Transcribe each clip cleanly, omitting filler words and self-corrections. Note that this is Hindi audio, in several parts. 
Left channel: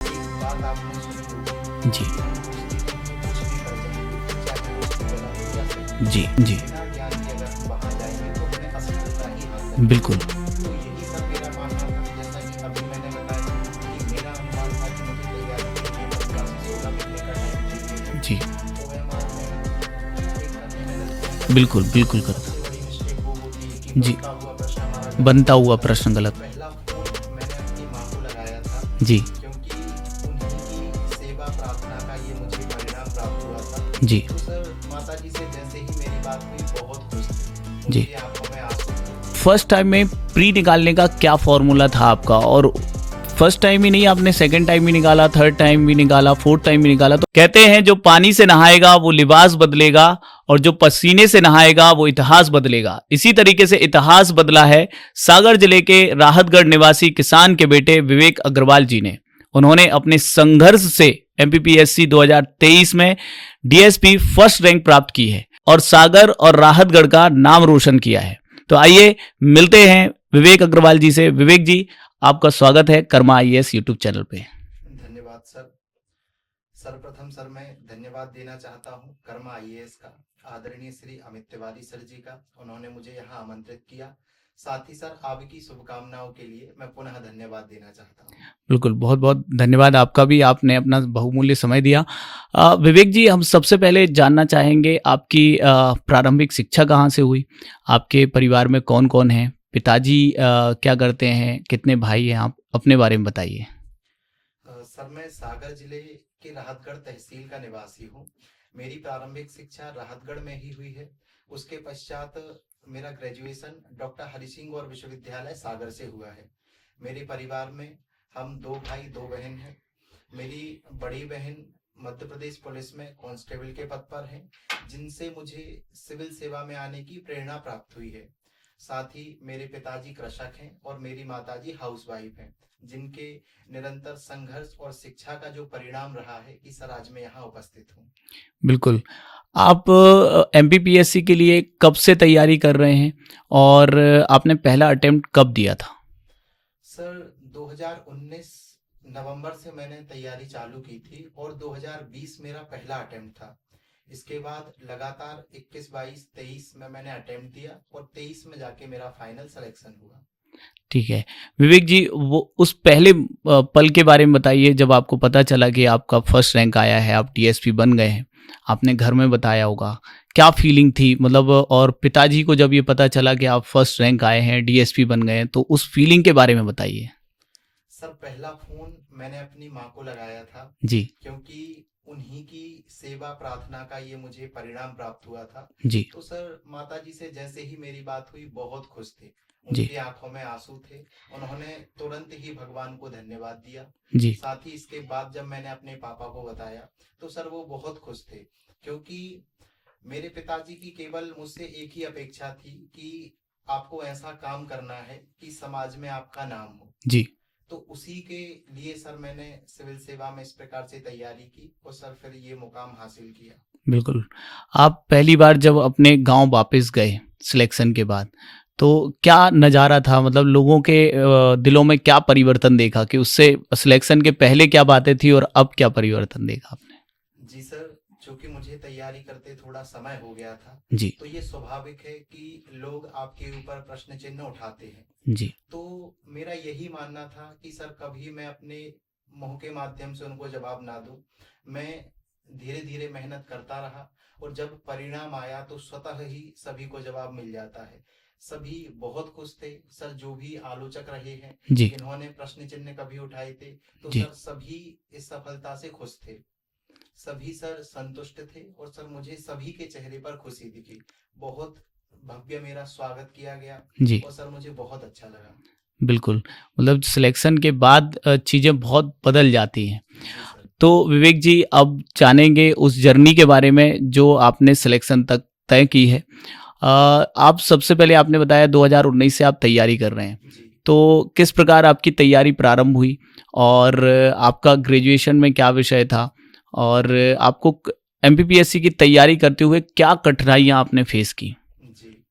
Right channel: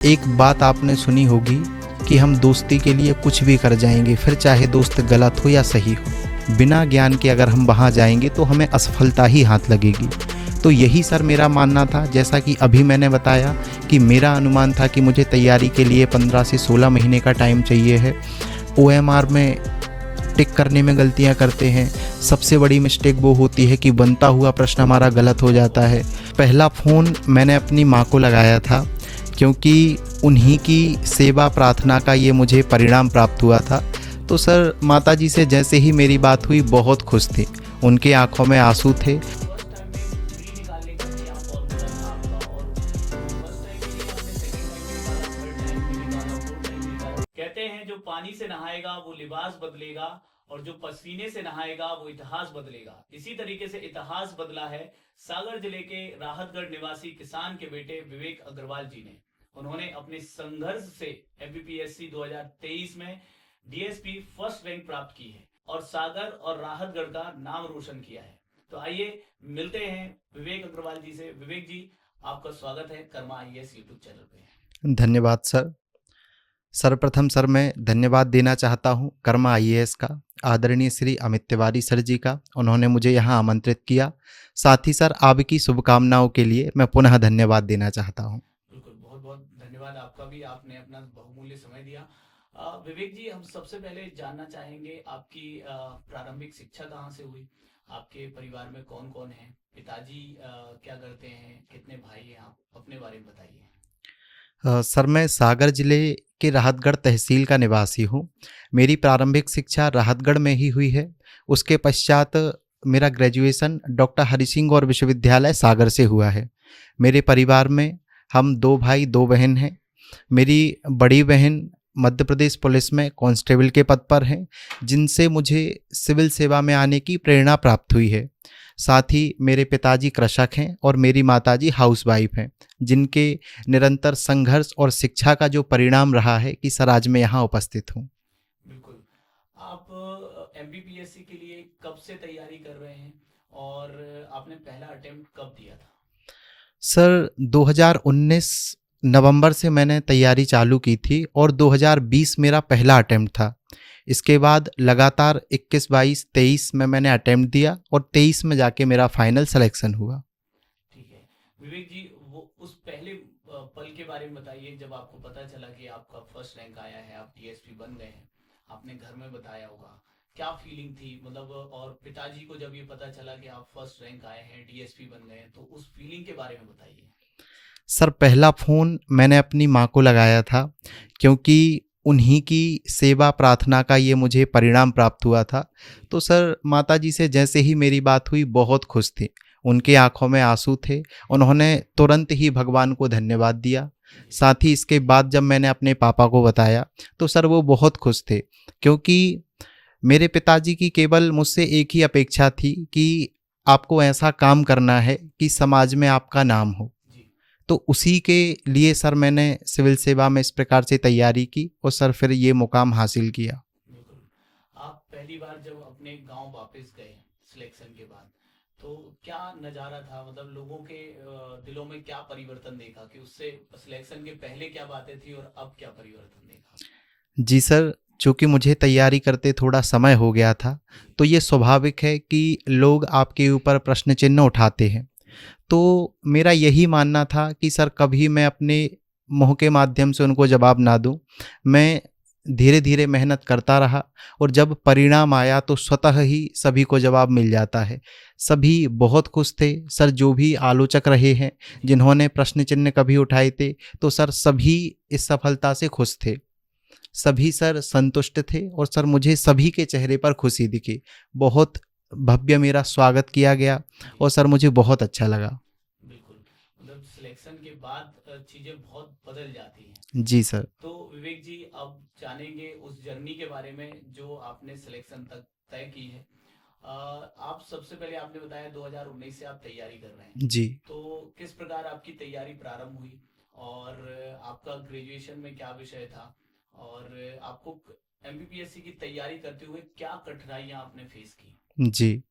एक बात आपने सुनी होगी कि हम दोस्ती के लिए कुछ भी कर जाएंगे, फिर चाहे दोस्त गलत हो या सही हो। जी। बिना ज्ञान के अगर हम वहाँ जाएंगे तो हमें असफलता ही हाथ लगेगी। बिल्कुल। तो यही सर मेरा मानना था, जैसा कि अभी मैंने बताया कि मेरा अनुमान था कि मुझे तैयारी के लिए 15 से 16 महीने का टाइम चाहिए है। जी। OMR में टिक करने में गलतियां करते बिल्कुल, हैं। बिल्कुल। सबसे बड़ी मिस्टेक वो होती है कि बनता हुआ प्रश्न हमारा गलत हो जाता है। पहला फ़ोन मैंने अपनी माँ को लगाया था जी। क्योंकि उन्हीं की सेवा प्रार्थना का ये मुझे परिणाम प्राप्त हुआ था। जी। तो सर माता जी से जैसे ही मेरी बात हुई बहुत खुश थे, उनके आंखों में आंसू थे। फर्स्ट टाइम में प्री निकालने का क्या फॉर्मूला था आपका? और फर्स्ट टाइम ही नहीं, आपने सेकंड टाइम भी निकाला, थर्ड टाइम भी निकाला, फोर्थ टाइम भी निकाला। तो कहते हैं जो पानी से नहाएगा वो लिबास बदलेगा और जो पसीने से नहाएगा वो इतिहास बदलेगा। इसी तरीके से इतिहास बदला है सागर जिले के राहतगढ़ निवासी किसान के बेटे विवेक अग्रवाल जी ने। उन्होंने अपने संघर्ष से MPPSC 2023 में DSP फर्स्ट रैंक प्राप्त की है और सागर और राहतगढ़ का नाम रोशन किया है। तो आइए मिलते हैं विवेक अग्रवाल जी से। विवेक जी, आपका स्वागत है कर्मा IAS यूट्यूब चैनल पे। धन्यवाद सर। सर्वप्रथम सर मैं धन्यवाद देना चाहता हूँ कर्मा IAS का, आदरणीय श्री अमित तिवारी सर जी का। उन्होंने मुझे यहाँ आमंत्रित किया। साथ ही सर आपकी शुभकामनाओं के लिए मैं पुनः धन्यवाद देना चाहता हूँ। बिल्कुल, बहुत बहुत धन्यवाद आपका भी, आपने अपना बहुमूल्य समय दिया। विवेक जी, हम सबसे पहले जानना चाहेंगे आपकी प्रारंभिक शिक्षा कहाँ से हुई? आपके परिवार में कौन कौन है? पिताजी क्या करते हैं? कितने भाई हैं आप? अपने बारे में बताइए। सर मैं सागर जिले के राहतगढ़ तहसील का निवासी हूँ। मेरी प्रारंभिक शिक्षा राहतगढ़ में ही हुई है। उसके पश्चात मेरा ग्रेजुएशन डॉक्टर हरि सिंह गौर विश्वविद्यालय सागर से हुआ है। मेरे परिवार में हम 2 भाई 2 बहन हैं। मेरी बड़ी बहन मध्य प्रदेश पुलिस में कांस्टेबल के पद पर हैं, जिनसे मुझे सिविल सेवा में आने की प्रेरणा प्राप्त हुई है। साथ ही मेरे पिताजी कृषक हैं और मेरी माताजी हाउसवाइफ हैं, जिनके निरंतर संघर्ष और शिक्षा का जो परिणाम रहा है कि सर आज मैं यहाँ उपस्थित हूँ। बिल्कुल। आप MPPSC के लिए कब से तैयारी कर रहे हैं और आपने पहला अटेम्प्ट कब दिया था? सर 2019 नवंबर से मैंने तैयारी चालू की थी और 2020 मेरा पहला अटेम्प्ट था। इसके बाद लगातार 21, 22, 23 में मैंने अटेम्प्ट दिया और 23 में जाके मेरा फाइनल सिलेक्शन हुआ। ठीक है। विवेक जी, वो उस पहले पल के बारे में बताइए जब आपको पता चला कि आपका फर्स्ट रैंक आया है, आप DSP बन गए हैं। आपने घर में बताया होगा, क्या फीलिंग थी? मतलब और पिताजी को जब ये पता चला कि आप फर्स्ट रैंक आए हैं, DSP बन गए हैं, तो उस फीलिंग के बारे में बताइए। सर पहला फ़ोन मैंने अपनी माँ को लगाया था जी। क्योंकि उन्हीं की सेवा प्रार्थना का ये मुझे परिणाम प्राप्त हुआ था। जी। तो सर माता जी से जैसे ही मेरी बात हुई बहुत खुश थे, उनके आंखों में आंसू थे। उन्होंने तुरंत ही भगवान को धन्यवाद दिया। जी। साथ ही इसके बाद जब मैंने अपने पापा को बताया तो सर वो बहुत खुश थे, क्योंकि मेरे पिताजी की केवल मुझसे एक ही अपेक्षा थी कि आपको ऐसा काम करना है कि समाज में आपका नाम हो। जी। तो उसी के लिए सर मैंने सिविल सेवा में इस प्रकार से तैयारी की और सर फिर ये मुकाम हासिल किया। बिल्कुल। आप पहली बार जब अपने गांव वापस गए सिलेक्शन के बाद, तो क्या नज़ारा था? मतलब लोगों के दिलों में क्या परिवर्तन देखा कि उससे सिलेक्शन के पहले क्या बातें थी और अब क्या परिवर्तन देखा आपने? जी सर, चूँकि मुझे तैयारी करते थोड़ा समय हो गया था, जी। तो ये स्वाभाविक है कि लोग आपके ऊपर प्रश्न चिन्ह उठाते हैं। जी। तो मेरा यही मानना था कि सर कभी मैं अपने मुँह के माध्यम से उनको जवाब ना दूँ। मैं धीरे धीरे मेहनत करता रहा और जब परिणाम आया तो स्वतः ही सभी को जवाब मिल जाता है। सभी बहुत खुश थे। सर जो भी आलोचक रहे हैं, जी। जिन्होंने प्रश्न चिन्ह कभी उठाए थे, तो जी। सर सभी इस सफलता से खुश थे। सभी सर संतुष्ट थे और सर मुझे सभी के चेहरे पर खुशी दिखी। बहुत भव्य मेरा स्वागत किया गया जी। और सर मुझे बहुत अच्छा लगा। बिल्कुल। मतलब सिलेक्शन के बाद चीज़ें बहुत बदल जाती हैं। जी सर। तो विवेक जी, अब जानेंगे उस जर्नी के बारे में जो आपने सिलेक्शन तक तय की है। आप सबसे पहले आपने बताया 2019 से आप तैयारी कर रहे हैं। जी। तो किस प्रकार आपकी तैयारी प्रारंभ हुई और आपका ग्रेजुएशन में क्या विषय था और आपको MPPSC की तैयारी करते हुए क्या कठिनाइयाँ आपने फेस की? जी।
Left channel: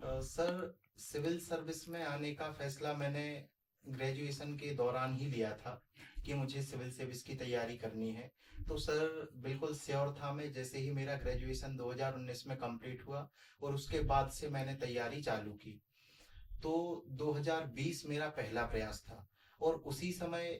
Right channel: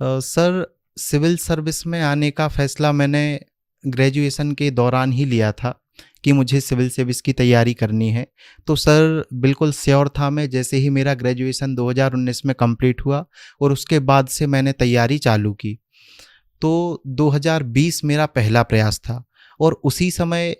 सर सिविल सर्विस में आने का फ़ैसला मैंने ग्रेजुएशन के दौरान ही लिया था, कि मुझे सिविल सर्विस की तैयारी करनी है। तो सर बिल्कुल श्योर था मैं, जैसे ही मेरा ग्रेजुएशन 2019 में कंप्लीट हुआ और उसके बाद से मैंने तैयारी चालू की। तो 2020 मेरा पहला प्रयास था और उसी समय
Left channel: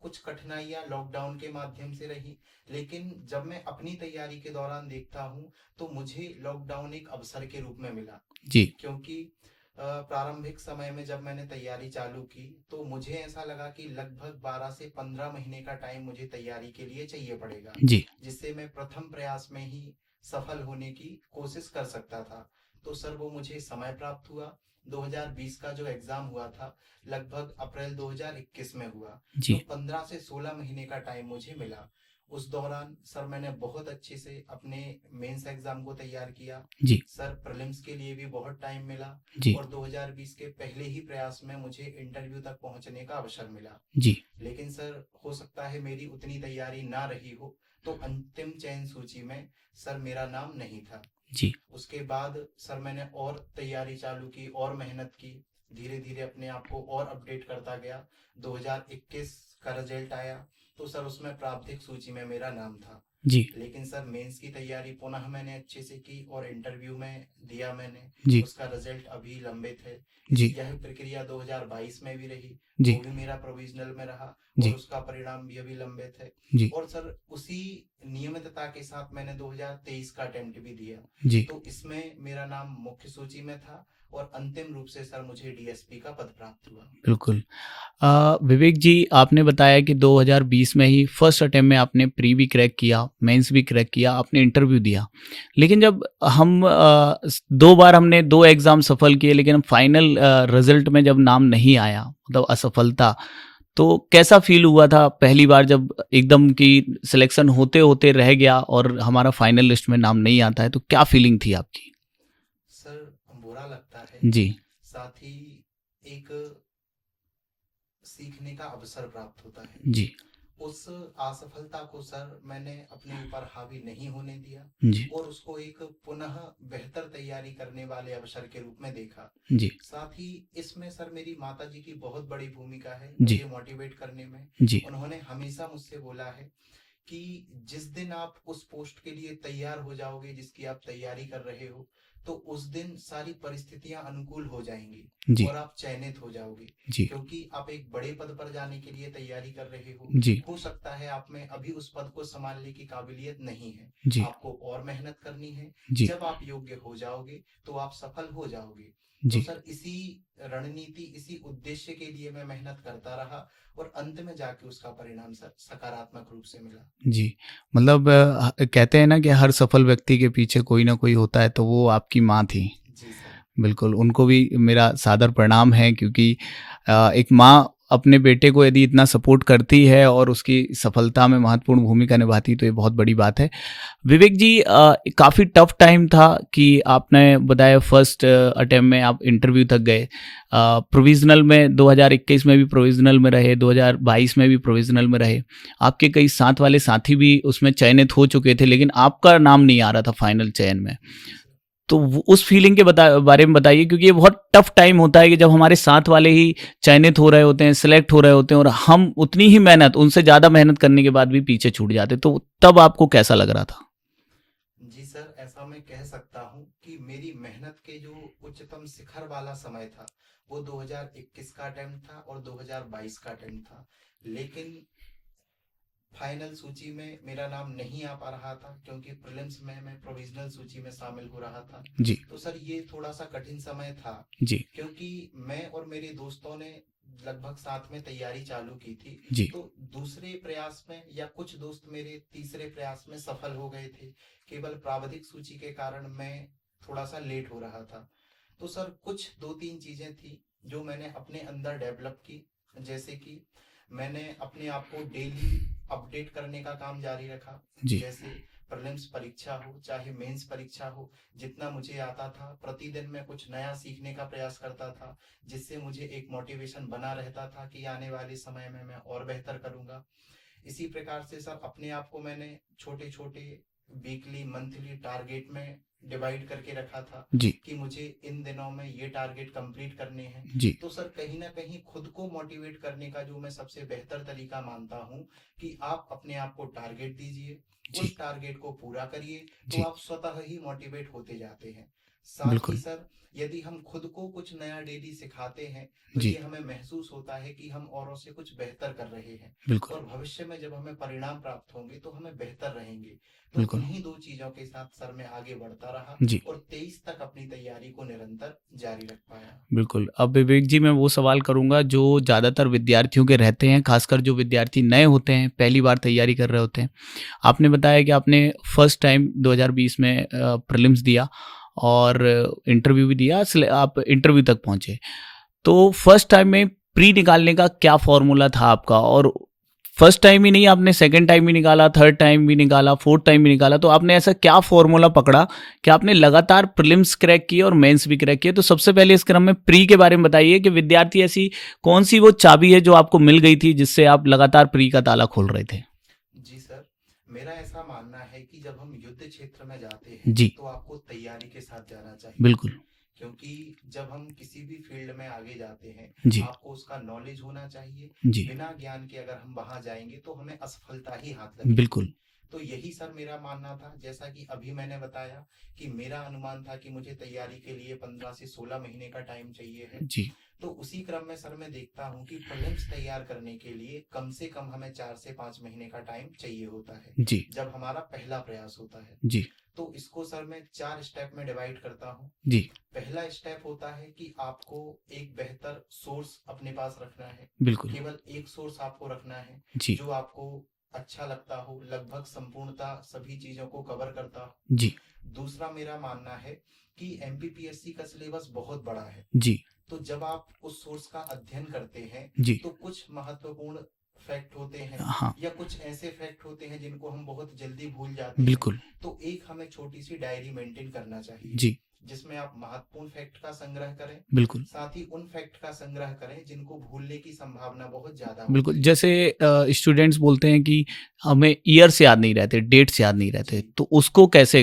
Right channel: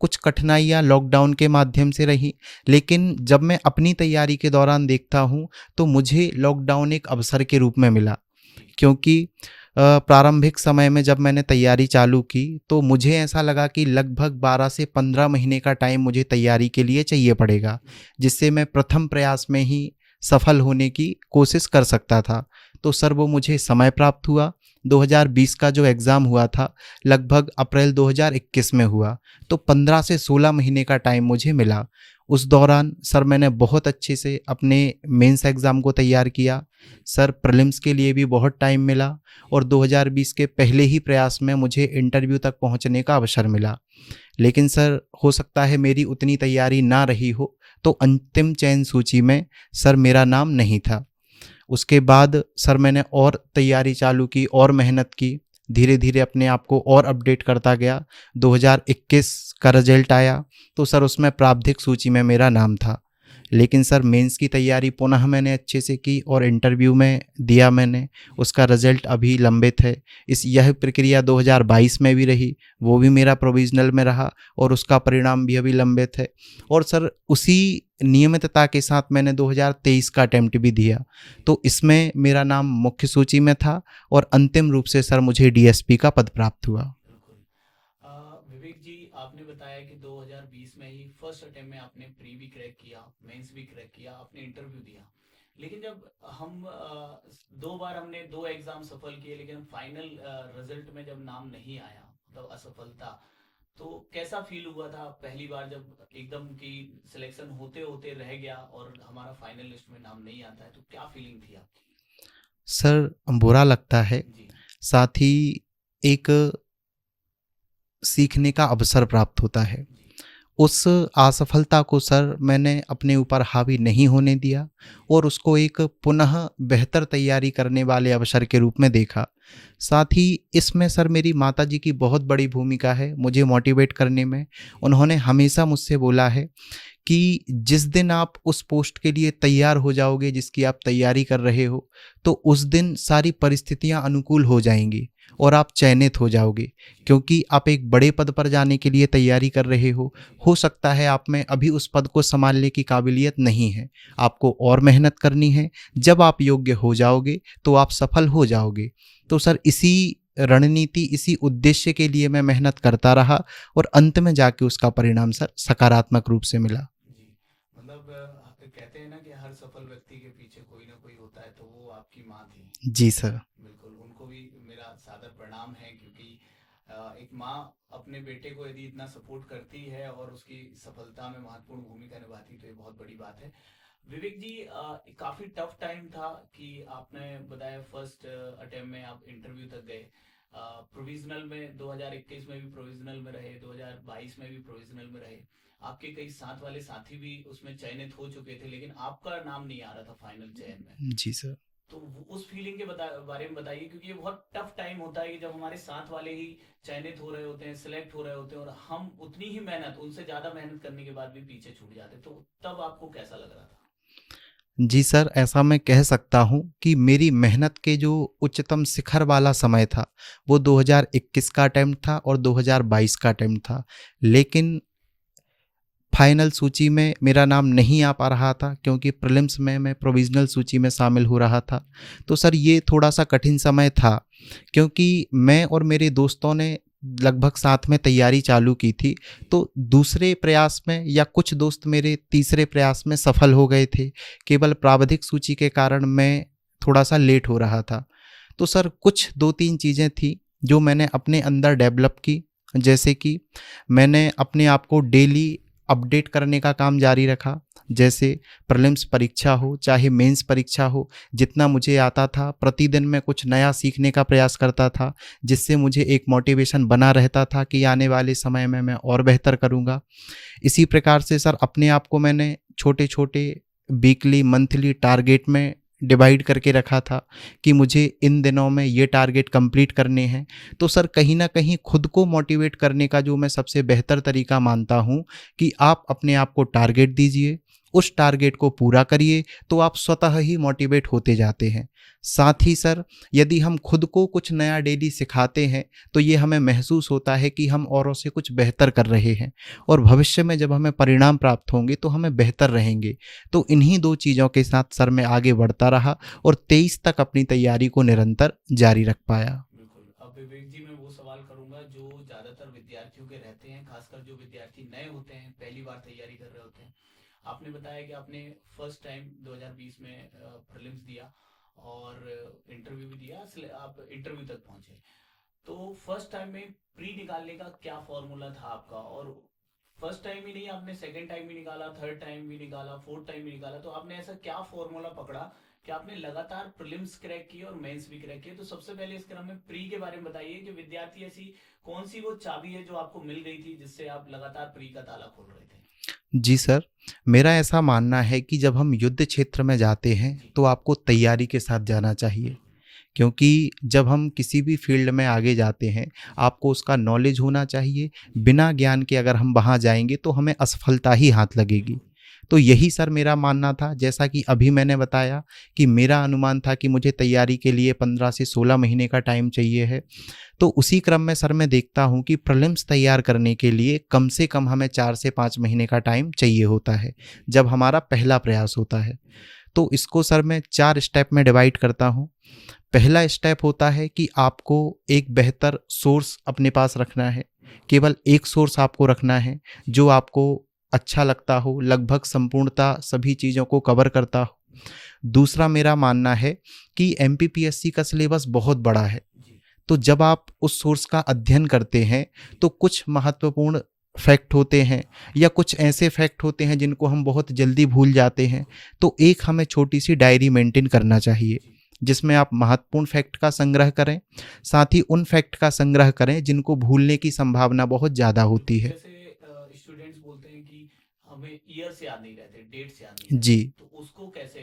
कुछ कठिनाइयाँ लॉकडाउन के माध्यम से रही, लेकिन जब मैं अपनी तैयारी के दौरान देखता हूँ तो मुझे लॉकडाउन एक अवसर के रूप में मिला। जी। क्योंकि प्रारंभिक समय में जब मैंने तैयारी चालू की तो मुझे ऐसा लगा कि लगभग 12 से 15 महीने का टाइम मुझे तैयारी के लिए चाहिए पड़ेगा, जी। जिससे मैं प्रथम प्रयास में ही सफल होने की कोशिश कर सकता था। तो सर वो मुझे समय प्राप्त हुआ। 2020 का जो एग्ज़ाम हुआ था लगभग अप्रैल 2021 में हुआ। जी। तो 15 से 16 महीने का टाइम मुझे मिला। उस दौरान सर मैंने बहुत अच्छे से अपने मेंस एग्ज़ाम को तैयार किया। जी। सर प्रीलिम्स के लिए भी बहुत टाइम मिला जी। और 2020 के पहले ही प्रयास में मुझे इंटरव्यू तक पहुंचने का अवसर मिला। जी। लेकिन सर हो सकता है मेरी उतनी तैयारी ना रही हो तो अंतिम चयन सूची में सर मेरा नाम नहीं था। जी। उसके बाद सर मैंने और तैयारी चालू की और मेहनत की, धीरे धीरे अपने आप को और अपडेट करता गया। 2021 का रिजल्ट आया तो सर उसमें प्रारंभिक सूची में मेरा नाम था। जी। लेकिन सर मेंस की तैयारी पुनः मैंने अच्छे से की और इंटरव्यू में दिया मैंने। जी। उसका रिजल्ट अभी लंबित है। जी। यह प्रक्रिया 2022 में भी रही, जी। वो भी मेरा प्रोविजनल में रहा और जी। उसका परिणाम भी अभी लंबित है। जी। और सर उसी नियमितता के साथ मैंने 2023 का अटेम्प्ट भी दिया। जी। तो इसमें मेरा नाम मुख्य सूची में था और अंतिम रूप से सर मुझे डीएसपी का पद प्राप्त हुआ। बिल्कुल। विवेक जी, आपने बताया कि 2020 में ही फर्स्ट अटेम्प्ट में आपने प्री भी क्रैक किया, मेंस भी क्रैक किया, आपने इंटरव्यू दिया। लेकिन जब हम 2 बार हमने 2 एग्ज़ाम सफल किए, लेकिन फाइनल रिजल्ट में जब नाम नहीं आया, मतलब असफलता, तो कैसा फील हुआ था पहली बार जब एकदम की सिलेक्शन होते-होते रह गया और हमारा फाइनल लिस्ट में नाम नहीं आता है, तो क्या फीलिंग थी आपकी? सर बुरा लगता है, जी। साथ ही एक सीखने का अवसर प्राप्त होता है। जी। उस असफलता को सर मैंने अपने ऊपर हावी नहीं होने दिया जी। और उसको एक पुनः बेहतर तैयारी करने वाले अवसर के रूप में देखा। जी। साथ ही इसमें सर मेरी माताजी की बहुत बड़ी भूमिका है मुझे मोटिवेट करने में। जी। उन्होंने हमेशा मुझसे बोला है कि जिस दिन आप उस पोस्ट के लिए तैयार हो जाओगे जिसकी आप तैयारी कर रहे हो, तो उस दिन सारी परिस्थितियां अनुकूल हो जाएंगी जी। और आप चयनित हो जाओगे। जी। क्योंकि आप एक बड़े पद पर जाने के लिए तैयारी कर रहे हो। जी। हो सकता है आप में अभी उस पद को संभालने की काबिलियत नहीं है, जी। आपको और मेहनत करनी है। जी। जब आप योग्य हो जाओगे तो आप सफल हो जाओगे। तो जी। सर इसी रणनीति, इसी उद्देश्य के लिए मैं मेहनत करता रहा और अंत में जाके उसका परिणाम सर सकारात्मक रूप से मिला। जी। मतलब कहते हैं ना कि हर सफल व्यक्ति के पीछे कोई ना कोई होता है, तो वो आपकी माँ थी। जी सर। बिल्कुल, उनको भी मेरा सादर प्रणाम है, क्योंकि एक माँ अपने बेटे को यदि इतना सपोर्ट करती है और उसकी सफलता में महत्वपूर्ण भूमिका निभाती है, तो ये बहुत बड़ी बात है। विवेक जी, काफ़ी टफ टाइम था कि आपने बताया फर्स्ट अटेम्प्ट में आप इंटरव्यू तक गए, प्रोविज़नल में 2021 में भी प्रोविज़नल में रहे, 2022 में भी प्रोविज़नल में रहे। आपके कई साथ वाले साथी भी उसमें चयनित हो चुके थे, लेकिन आपका नाम नहीं आ रहा था फाइनल चयन में। जी सर। तो उस फीलिंग के बारे में बताइए, क्योंकि ये बहुत टफ टाइम होता है कि जब हमारे साथ वाले ही चयनित हो रहे होते हैं, सिलेक्ट हो रहे होते हैं, और हम उतनी ही मेहनत, उनसे ज़्यादा मेहनत करने के बाद भी पीछे छूट जाते, तो तब आपको कैसा लग रहा था? जी सर, ऐसा मैं कह सकता हूँ कि मेरी मेहनत के जो उच्चतम शिखर वाला समय था वो 2021 का अटेम्प्ट था और 2022 का अटेम्प्ट था। लेकिन फाइनल सूची में मेरा नाम नहीं आ पा रहा था क्योंकि प्रीलिम्स में मैं प्रोविजनल सूची में शामिल हो रहा था। जी। तो सर ये थोड़ा सा कठिन समय था जी। क्योंकि मैं और मेरे दोस्तों ने लगभग साथ में तैयारी चालू की थी। जी। तो दूसरे प्रयास में या कुछ दोस्त मेरे तीसरे प्रयास में सफल हो गए थे। केवल प्रावधिक सूची के कारण मैं थोड़ा सा लेट हो रहा था। तो सर कुछ 2-3 चीज़ें थी जो मैंने अपने अंदर डेवलप की, जैसे कि मैंने अपने आप को डेली अपडेट करने का काम जारी रखा। जैसे प्रीलिम्स परीक्षा हो चाहे मेंस परीक्षा हो, जितना मुझे आता था प्रतिदिन मैं कुछ नया सीखने का प्रयास करता था, जिससे मुझे एक मोटिवेशन बना रहता था कि आने वाले समय में मैं और बेहतर करूँगा। इसी प्रकार से सर अपने आप को मैंने छोटे छोटे वीकली मंथली टारगेट में डिवाइड करके रखा था जी कि मुझे इन दिनों में ये टारगेट कंप्लीट करने हैं। जी तो सर कहीं ना कहीं खुद को मोटिवेट करने का जो मैं सबसे बेहतर तरीका मानता हूँ कि आप अपने आप को टारगेट दीजिए, उस टारगेट को पूरा करिए, तो जी आप स्वतः ही मोटिवेट होते जाते हैं। साथ ही बिल्कुल सर यदि हम खुद को कुछ नया डेली सिखाते हैं तो जी ये हमें महसूस होता है कि हम औरों से कुछ बेहतर कर रहे हैं, बिल्कुल और भविष्य में जब हमें परिणाम प्राप्त होंगे तो हमें बेहतर रहेंगे। तो बिल्कुल इन्हीं दो चीज़ों के साथ सर मैं आगे बढ़ता रहा जी और 23 तक अपनी तैयारी को निरंतर जारी रख पाया। बिल्कुल। अब विवेक जी मैं वो सवाल करूंगा जो ज़्यादातर विद्यार्थियों के रहते हैं, खासकर जो विद्यार्थी नए होते हैं, पहली बार तैयारी कर रहे होते हैं। आपने बताया कि आपने फर्स्ट टाइम 2020 में प्रीलिम्स दिया और इंटरव्यू भी दिया, आप इंटरव्यू तक पहुंचे। तो फर्स्ट टाइम में प्री निकालने का क्या फॉर्मूला था आपका? और फर्स्ट टाइम ही नहीं, आपने सेकंड टाइम भी निकाला, थर्ड टाइम भी निकाला, फोर्थ टाइम भी निकाला, तो आपने ऐसा क्या फॉर्मूला पकड़ा कि आपने लगातार प्रीलिम्स क्रैक किए और मेंस भी क्रैक किए? तो सबसे पहले इस क्रम में प्री के बारे में बताइए कि विद्यार्थी ऐसी कौन सी वो चाबी है जो आपको मिल गई थी जिससे आप लगातार प्री का ताला खोल रहे थे? जी सर, मेरा ऐसा मानना है कि जब हम युद्ध क्षेत्र में जाते हैं जी तो आपको तैयारी के साथ जाना चाहिए, बिल्कुल क्योंकि जब हम किसी भी फील्ड में आगे जाते हैं जी आपको उसका नॉलेज होना चाहिए। जी बिना ज्ञान के अगर हम वहाँ जाएंगे तो हमें असफलता ही हाथ लगेगी। बिल्कुल तो यही सर मेरा मानना था, जैसा कि अभी मैंने बताया कि मेरा अनुमान था कि मुझे तैयारी के लिए 15 से 16 महीने का टाइम चाहिए है। जी तो उसी क्रम में सर मैं देखता हूँ कि प्रीलिम्स तैयार करने के लिए कम से कम हमें 4 से 5 महीने का टाइम चाहिए होता है, जी जब हमारा पहला प्रयास होता है। जी तो इसको सर मैं 4 स्टेप में डिवाइड करता हूँ। जी पहला स्टेप होता है कि आपको एक बेहतर सोर्स अपने पास रखना है, बिल्कुल केवल एक सोर्स आपको रखना है जी जो आपको अच्छा लगता हो, लगभग संपूर्णता सभी चीज़ों को कवर करता हो। जी दूसरा मेरा मानना है कि एमपीपीएससी का सिलेबस बहुत बड़ा है, जी तो जब आप उस सोर्स का अध्ययन करते हैं जी तो कुछ महत्वपूर्ण फैक्ट होते हैं हाँ या कुछ ऐसे फैक्ट होते हैं जिनको हम बहुत जल्दी भूल जाते हैं। बिल्कुल तो एक हमें छोटी सी डायरी मेंटेन करना चाहिए जी जिसमें आप महत्वपूर्ण फैक्ट का संग्रह करें, बिल्कुल साथ ही उन फैक्ट का संग्रह करें जिनको भूलने की संभावना बहुत ज़्यादा बिल्कुल होती है। जैसे स्टूडेंट्स बोलते हैं कि हमें ईयर्स याद नहीं रहते, डेट्स याद नहीं रहते, जी, तो उसको कैसे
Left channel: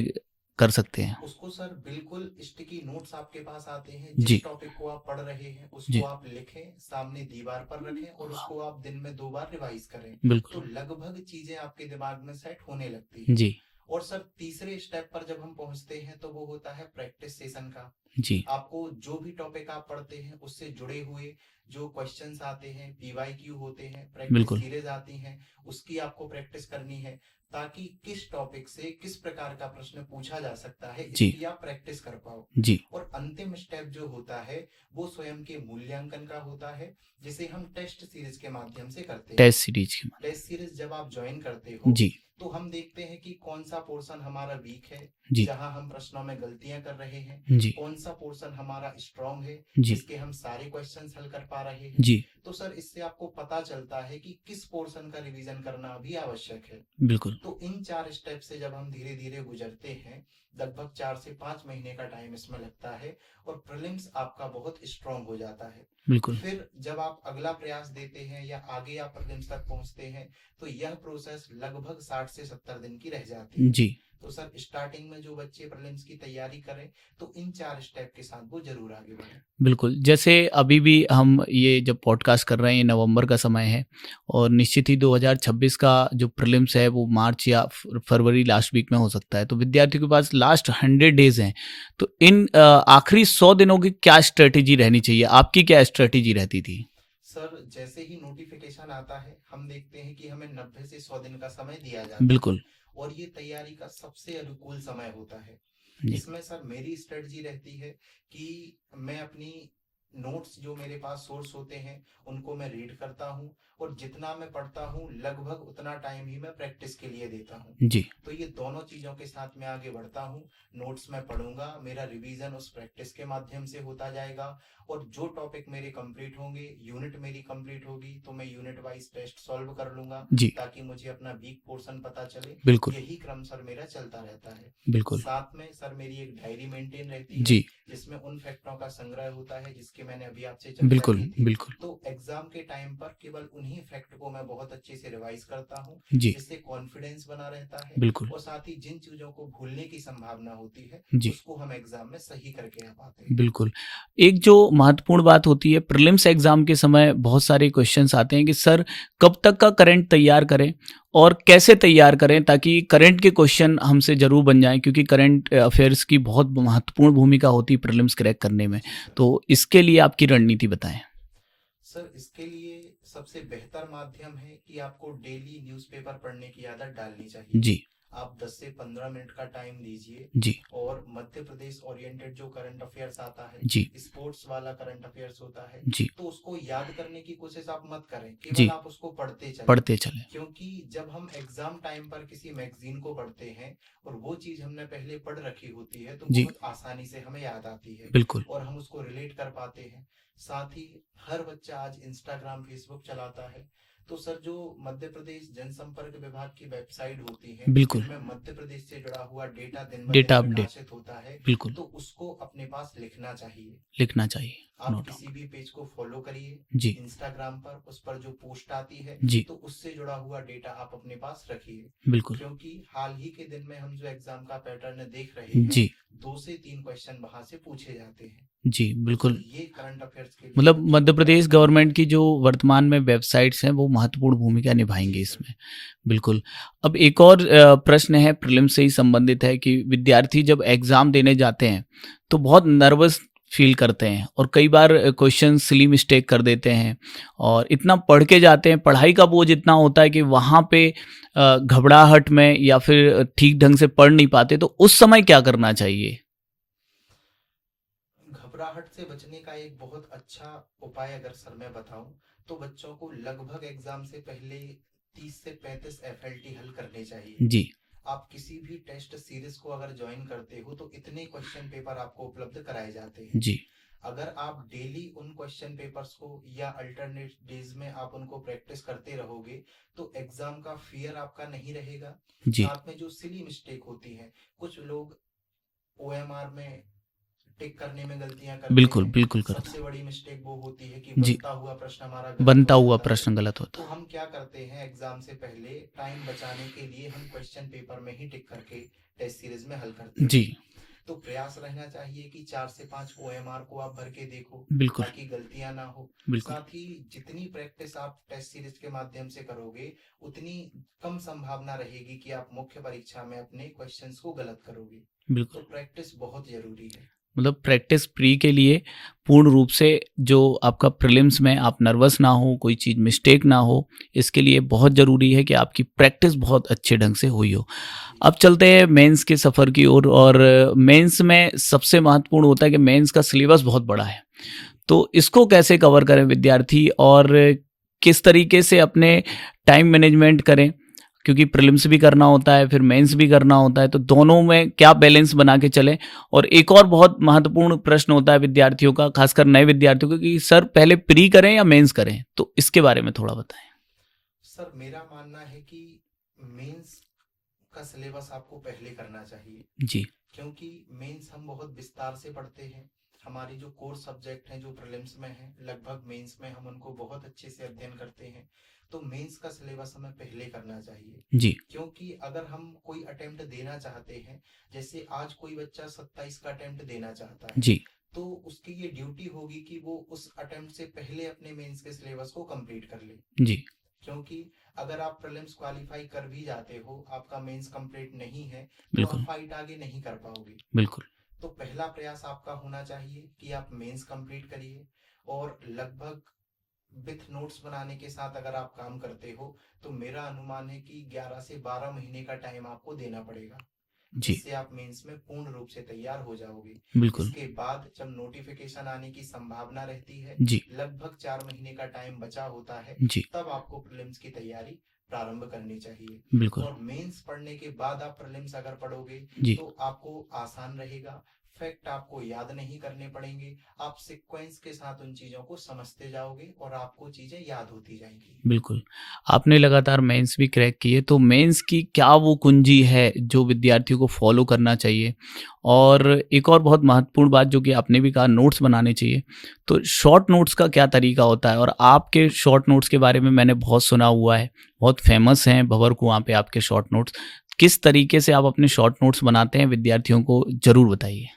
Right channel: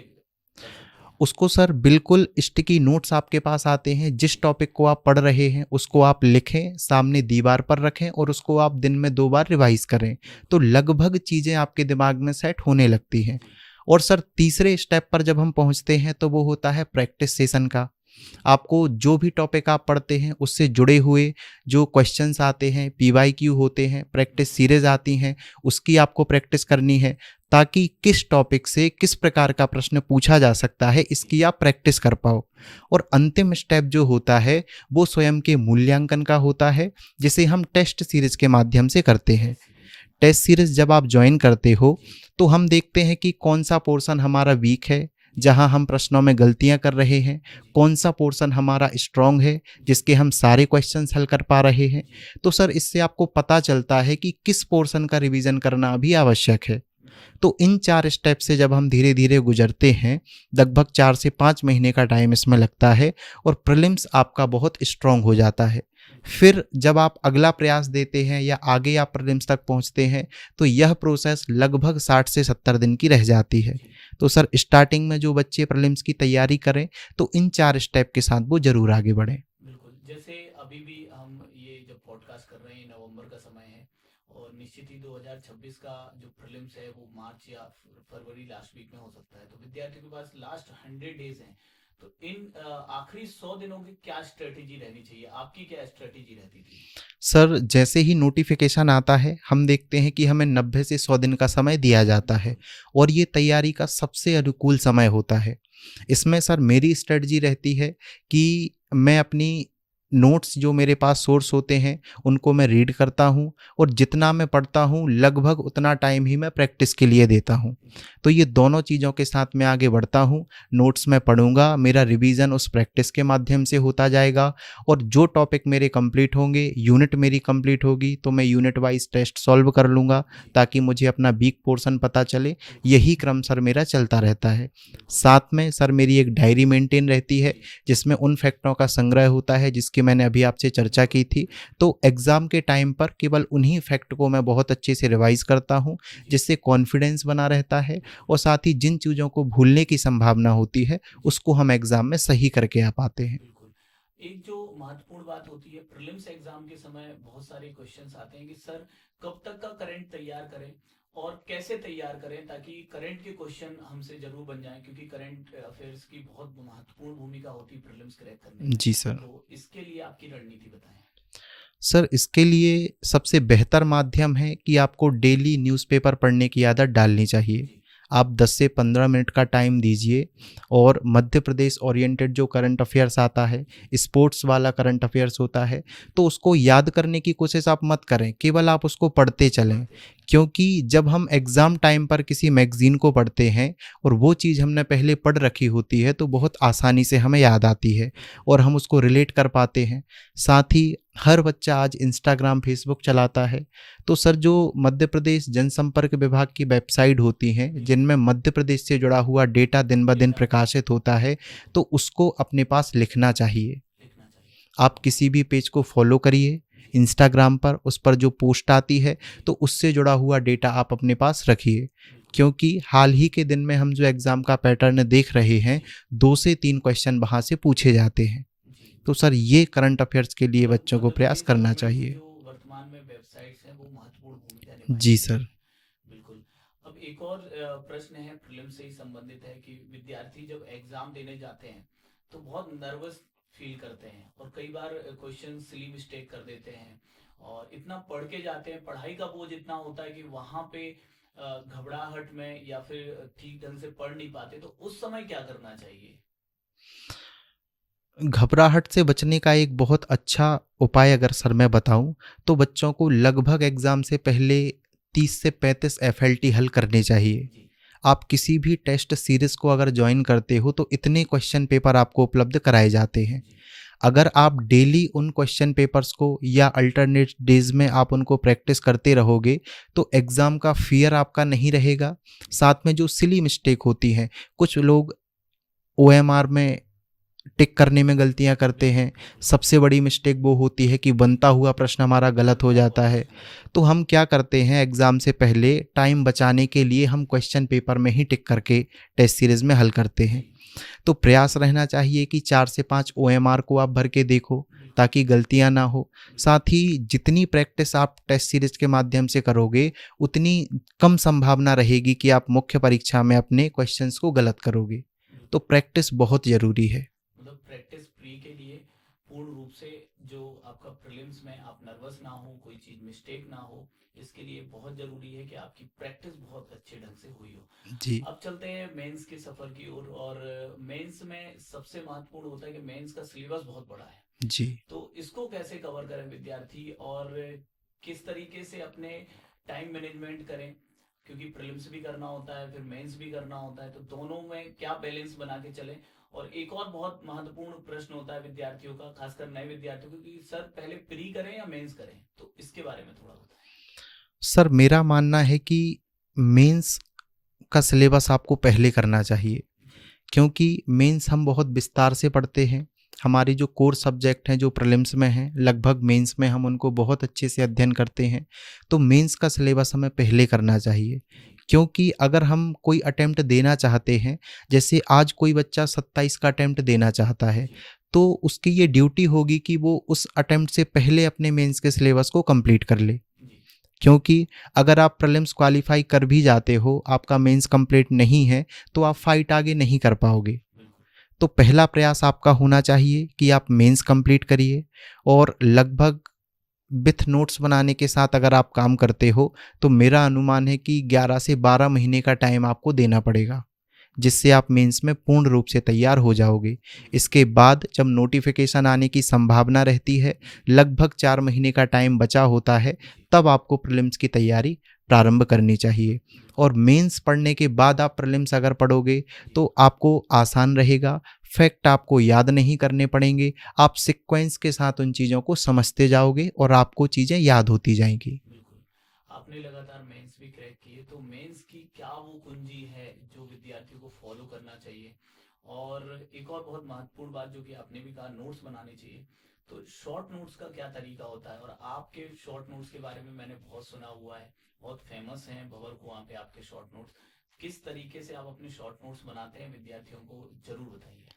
कर सकते हैं? उसको सर बिल्कुल स्टिकी नोट्स आपके पास आते हैं, जिस जी टॉपिक को आप पढ़ रहे हैं उसको जी आप लिखें, सामने दीवार पर रखें और उसको आप दिन में 2 बार रिवाइज करें। बिल्कुल तो लगभग चीज़ें आपके दिमाग में सेट होने लगती हैं। जी और सर तीसरे स्टेप पर जब हम पहुंचते हैं तो वो होता है प्रैक्टिस सेशन का। जी आपको जो भी टॉपिक आप पढ़ते हैं उससे जुड़े हुए जो क्वेश्चंस आते हैं, पीवाईक्यू होते हैं, प्रैक्टिस बिल्कुल सीरीज आती हैं, उसकी आपको प्रैक्टिस करनी है ताकि किस टॉपिक से किस प्रकार का प्रश्न पूछा जा सकता है जी इसकी आप प्रैक्टिस कर पाओ। जी और अंतिम स्टेप जो होता है वो स्वयं के मूल्यांकन का होता है, जिसे हम टेस्ट सीरीज के माध्यम से करते हैं। टेस्ट सीरीज की टेस्ट सीरीज जब आप ज्वाइन करते हो जी तो हम देखते हैं कि कौन सा पोर्शन हमारा वीक है, जी जहां हम प्रश्नों में गलतियां कर रहे हैं, जी कौन सा पोर्शन हमारा स्ट्रांग है जी जिसके हम सारे क्वेश्चंस हल कर पा रहे हैं। जी तो सर इससे आपको पता चलता है कि किस पोर्शन का रिवीजन करना अभी आवश्यक है। बिल्कुल तो इन 4 स्टेप से जब हम धीरे धीरे गुजरते हैं, लगभग 4 से 5 महीने का टाइम इसमें लगता है और प्रीलिम्स आपका बहुत स्ट्रांग हो जाता है। बिल्कुल फिर जब आप अगला प्रयास देते हैं या आगे आप प्रीलिम्स तक पहुंचते हैं तो यह प्रोसेस लगभग 60 से 70 दिन की रह जाती है। जी तो सर स्टार्टिंग में जो बच्चे प्रीलिम्स की तैयारी करें तो इन 4 स्टेप के साथ वो जरूर आगे बढ़ें। बिल्कुल जैसे अभी भी हम ये जब पॉडकास्ट कर रहे हैं, ये नवंबर का समय है और निश्चित ही 2026 का जो प्रीलिम्स है वो मार्च या फरवरी लास्ट वीक में हो सकता है, तो विद्यार्थियों के पास लास्ट 100 डेज हैं। तो इन आखिरी 100 दिनों की क्या स्ट्रेटेजी रहनी चाहिए? आपकी क्या स्ट्रेटेजी रहती थी? सर जैसे ही नोटिफिकेशन आता है हम देखते हैं कि हमें 90 से 100 दिन का समय दिया जाता है बिल्कुल और ये तैयारी का सबसे अनुकूल समय होता है। जी इसमें सर मेरी स्ट्रेटजी रहती है कि मैं अपनी नोट्स जो मेरे पास सोर्स होते हैं उनको मैं रीड करता हूँ और जितना मैं पढ़ता हूँ लगभग उतना टाइम ही मैं प्रैक्टिस के लिए देता हूँ। जी तो ये दोनों चीज़ों के साथ मैं आगे बढ़ता हूँ। नोट्स मैं पढ़ूंगा, मेरा रिवीजन उस प्रैक्टिस के माध्यम से होता जाएगा और जो टॉपिक मेरे कंप्लीट होंगे, यूनिट मेरी कंप्लीट होगी तो मैं यूनिट वाइज टेस्ट सॉल्व कर लूँगा जी ताकि मुझे अपना वीक पोर्शन पता चले। बिल्कुल यही क्रम सर मेरा चलता रहता है। बिल्कुल साथ में सर मेरी एक डायरी मेंटेन रहती है जी जिसमें उन फैक्टों का संग्रह होता है जिसकी मैंने अभी आपसे चर्चा बिल्कुल, की थी। बिल्कुल। तो एग्ज़ाम के टाइम पर केवल उन्हीं फैक्ट को मैं बहुत अच्छे से रिवाइज़ करता हूँ, जी, जिससे कॉन्फिडेंस बना रहता है बिल्कुल, और साथ ही जिन चीज़ों को भूलने की संभावना होती है, जी, उसको हम एग्ज़ाम में सही करके आ पाते हैं। बिल्कुल। एक जो महत्वपूर्ण बात होती है प्रीलिम्स एग्ज़ाम के समय बहुत सारे क्वेश्चन्स आते हैं कि सर कब तक का करंट तैयार करें और कैसे तैयार करें ताकि करंट के क्वेश्चन हमसे ज़रूर बन जाएँ क्योंकि करंट अफ़ेयर्स की बहुत महत्वपूर्ण भूमिका होती है प्रीलिम्स क्रैक करने में। जी सर। तो इसके लिए आपकी रणनीति बताएँ? सर, इसके लिए सबसे बेहतर माध्यम है कि आपको डेली न्यूज़पेपर पढ़ने की आदत डालनी चाहिए। जी, आप 10 से 15 मिनट का टाइम दीजिए जी, और मध्य प्रदेश ओरिएंटेड जो करंट अफेयर्स आता है, जी, स्पोर्ट्स वाला करंट अफेयर्स होता है, जी, तो उसको याद करने की कोशिश आप मत करें, केवल जी, आप उसको पढ़ते चलें। पढ़ते चलें। क्योंकि जब हम एग्ज़ाम टाइम पर किसी मैगज़ीन को पढ़ते हैं और वो चीज़ हमने पहले पढ़ रखी होती है, तो जी, बहुत आसानी से हमें याद आती है बिल्कुल। और हम उसको रिलेट कर पाते हैं। साथ ही हर बच्चा आज इंस्टाग्राम, फेसबुक चलाता है, तो सर जो मध्य प्रदेश जनसंपर्क विभाग की वेबसाइट होती हैं, बिल्कुल, जिनमें मध्य प्रदेश से जुड़ा हुआ डेटा दिन ब दिन डेटा अपडेट, प्रकाशित होता है, बिल्कुल, तो उसको अपने पास लिखना चाहिए। लिखना चाहिए। आप नो किसी डाउट। भी पेज को फॉलो करिए, जी, इंस्टाग्राम पर उस पर जो पोस्ट आती है, जी, तो उससे जुड़ा हुआ डेटा आप अपने पास रखिए। बिल्कुल। क्योंकि हाल ही के दिन में हम जो एग्ज़ाम का पैटर्न देख रहे हैं, जी, 2 से 3 क्वेश्चन वहाँ से पूछे जाते हैं। जी, तो सर बिल्कुल। ये करंट अफेयर्स के लिए मतलब बच्चों को मध्य प्रयास प्रदेश करना गवर्नमेंट की चाहिए। जो वर्तमान में वेबसाइट्स हैं वो महत्वपूर्ण भूमिका जी निभाएँगी सर। इसमें। बिल्कुल। अब एक और प्रश्न है प्रीलिम्स से ही संबंधित है कि विद्यार्थी जब एग्ज़ाम देने जाते हैं तो बहुत नर्वस फ़ील करते हैं और कई बार क्वेश्चन सिली मिस्टेक कर देते हैं और इतना पढ़ के जाते हैं, पढ़ाई का बोझ इतना होता है कि वहाँ पे घबराहट में या फिर ठीक ढंग से पढ़ नहीं पाते, तो उस समय क्या करना चाहिए? घबराहट से बचने का एक बहुत अच्छा उपाय अगर सर मैं बताऊं, तो बच्चों को लगभग एग्ज़ाम से पहले 30 से 35 एफएलटी हल करने चाहिए। जी, आप किसी भी टेस्ट सीरीज़ को अगर ज्वाइन करते हो, तो इतने क्वेश्चन पेपर आपको उपलब्ध कराए जाते हैं। जी, अगर आप डेली उन क्वेश्चन पेपर्स को या अल्टरनेट डेज में आप उनको प्रैक्टिस करते रहोगे, तो एग्ज़ाम का फ़ियर आपका नहीं रहेगा। जी। साथ में जो सिली मिस्टेक होती हैं, कुछ लोग ओएमआर में टिक करने में गलतियाँ करते बिल्कुल, हैं। बिल्कुल कर सबसे बड़ी मिस्टेक वो होती है कि जी, बनता हुआ प्रश्न हमारा गलत हो बनता हुआ जाता है। प्रश्न गलत तो होता है। हम क्या करते हैं, एग्ज़ाम से पहले टाइम बचाने के लिए हम क्वेश्चन पेपर में ही टिक करके टेस्ट सीरीज़ में हल करते जी, हैं। तो प्रयास रहना चाहिए कि 4 से 5 ओएमआर को आप भर के देखो, बिल्कुल, ताकि गलतियाँ ना हो। बिल्कुल, साथ ही जितनी प्रैक्टिस आप टेस्ट सीरीज़ के माध्यम से करोगे, उतनी कम संभावना रहेगी कि आप मुख्य परीक्षा में अपने क्वेश्चंस को गलत करोगे। तो बिल्कुल। प्रैक्टिस बहुत ज़रूरी है। मतलब प्रैक्टिस प्री के लिए पूर्ण रूप से जो आपका प्रीलिम्स में आप नर्वस ना हो, कोई चीज़ मिस्टेक ना हो, इसके लिए बहुत ज़रूरी है कि आपकी प्रैक्टिस बहुत अच्छे ढंग से हुई हो। जी, अब चलते हैं मेंस के सफ़र की ओर और मेंस में सबसे महत्वपूर्ण होता है कि मेंस का सिलेबस बहुत बड़ा है। जी। तो इसको कैसे कवर करें विद्यार्थी और किस तरीके से अपने टाइम मैनेजमेंट करें? क्योंकि प्रीलिम्स भी करना होता है, फिर मेंस भी करना होता है, तो दोनों में क्या बैलेंस बना के चलें? और एक और बहुत महत्वपूर्ण प्रश्न होता है विद्यार्थियों का, खासकर नए विद्यार्थियों का कि सर पहले प्री करें या मेंस करें? तो इसके बारे में थोड़ा बताएँ। सर मेरा मानना है कि मेंस का सिलेबस आपको पहले करना चाहिए, जी, क्योंकि मेंस हम बहुत विस्तार से पढ़ते हैं। हमारी जो कोर सब्जेक्ट हैं जो प्रीलिम्स में हैं, लगभग मेंस में हम उनको बहुत अच्छे से अध्ययन करते हैं। तो मेंस का सिलेबस हमें पहले करना चाहिए, जी, क्योंकि अगर हम कोई अटेम्प्ट देना चाहते हैं, जैसे आज कोई बच्चा 27 का अटेम्प्ट देना चाहता है, जी, तो उसकी ये ड्यूटी होगी कि वो उस अटेम्प्ट से पहले अपने मेंस के सिलेबस को कंप्लीट कर ले। जी, क्योंकि अगर आप प्रीलिम्स क्वालिफाई कर भी जाते हो, आपका मेंस कंप्लीट नहीं है, तो आप बिल्कुल, फाइट आगे नहीं कर पाओगे। बिल्कुल, तो पहला प्रयास आपका होना चाहिए कि आप मेंस कंप्लीट करिए और लगभग विथ नोट्स बनाने के साथ अगर आप काम करते हो, तो मेरा अनुमान है कि 11 से 12 महीने का टाइम आपको देना पड़ेगा, जी, जिससे आप मेंस में पूर्ण रूप से तैयार हो जाओगे। बिल्कुल, इसके बाद जब नोटिफिकेशन आने की संभावना रहती है, जी, लगभग 4 महीने का टाइम बचा होता है, जी, तब आपको प्रीलिम्स की तैयारी प्रारंभ करनी चाहिए। बिल्कुल, और मेंस पढ़ने के बाद आप प्रीलिम्स अगर पढ़ोगे, जी, तो आपको आसान रहेगा। फैक्ट आपको याद नहीं करने पड़ेंगे, आप सीक्वेंस के साथ उन चीज़ों को समझते जाओगे और आपको चीज़ें याद होती जाएंगी। बिल्कुल। आपने लगातार मेंस भी क्रैक किए, तो मेंस की क्या वो कुंजी है जो विद्यार्थियों को फॉलो करना चाहिए? और एक और बहुत महत्वपूर्ण बात जो कि आपने भी कहा, नोट्स बनाने चाहिए। तो शॉर्ट नोट्स का क्या तरीका होता है? और आपके शॉर्ट नोट्स के बारे में मैंने बहुत सुना हुआ है, बहुत फेमस हैं भंवर कुआं पे आपके शॉर्ट नोट्स। किस तरीके से आप अपने शॉर्ट नोट्स बनाते हैं, विद्यार्थियों को ज़रूर बताइए।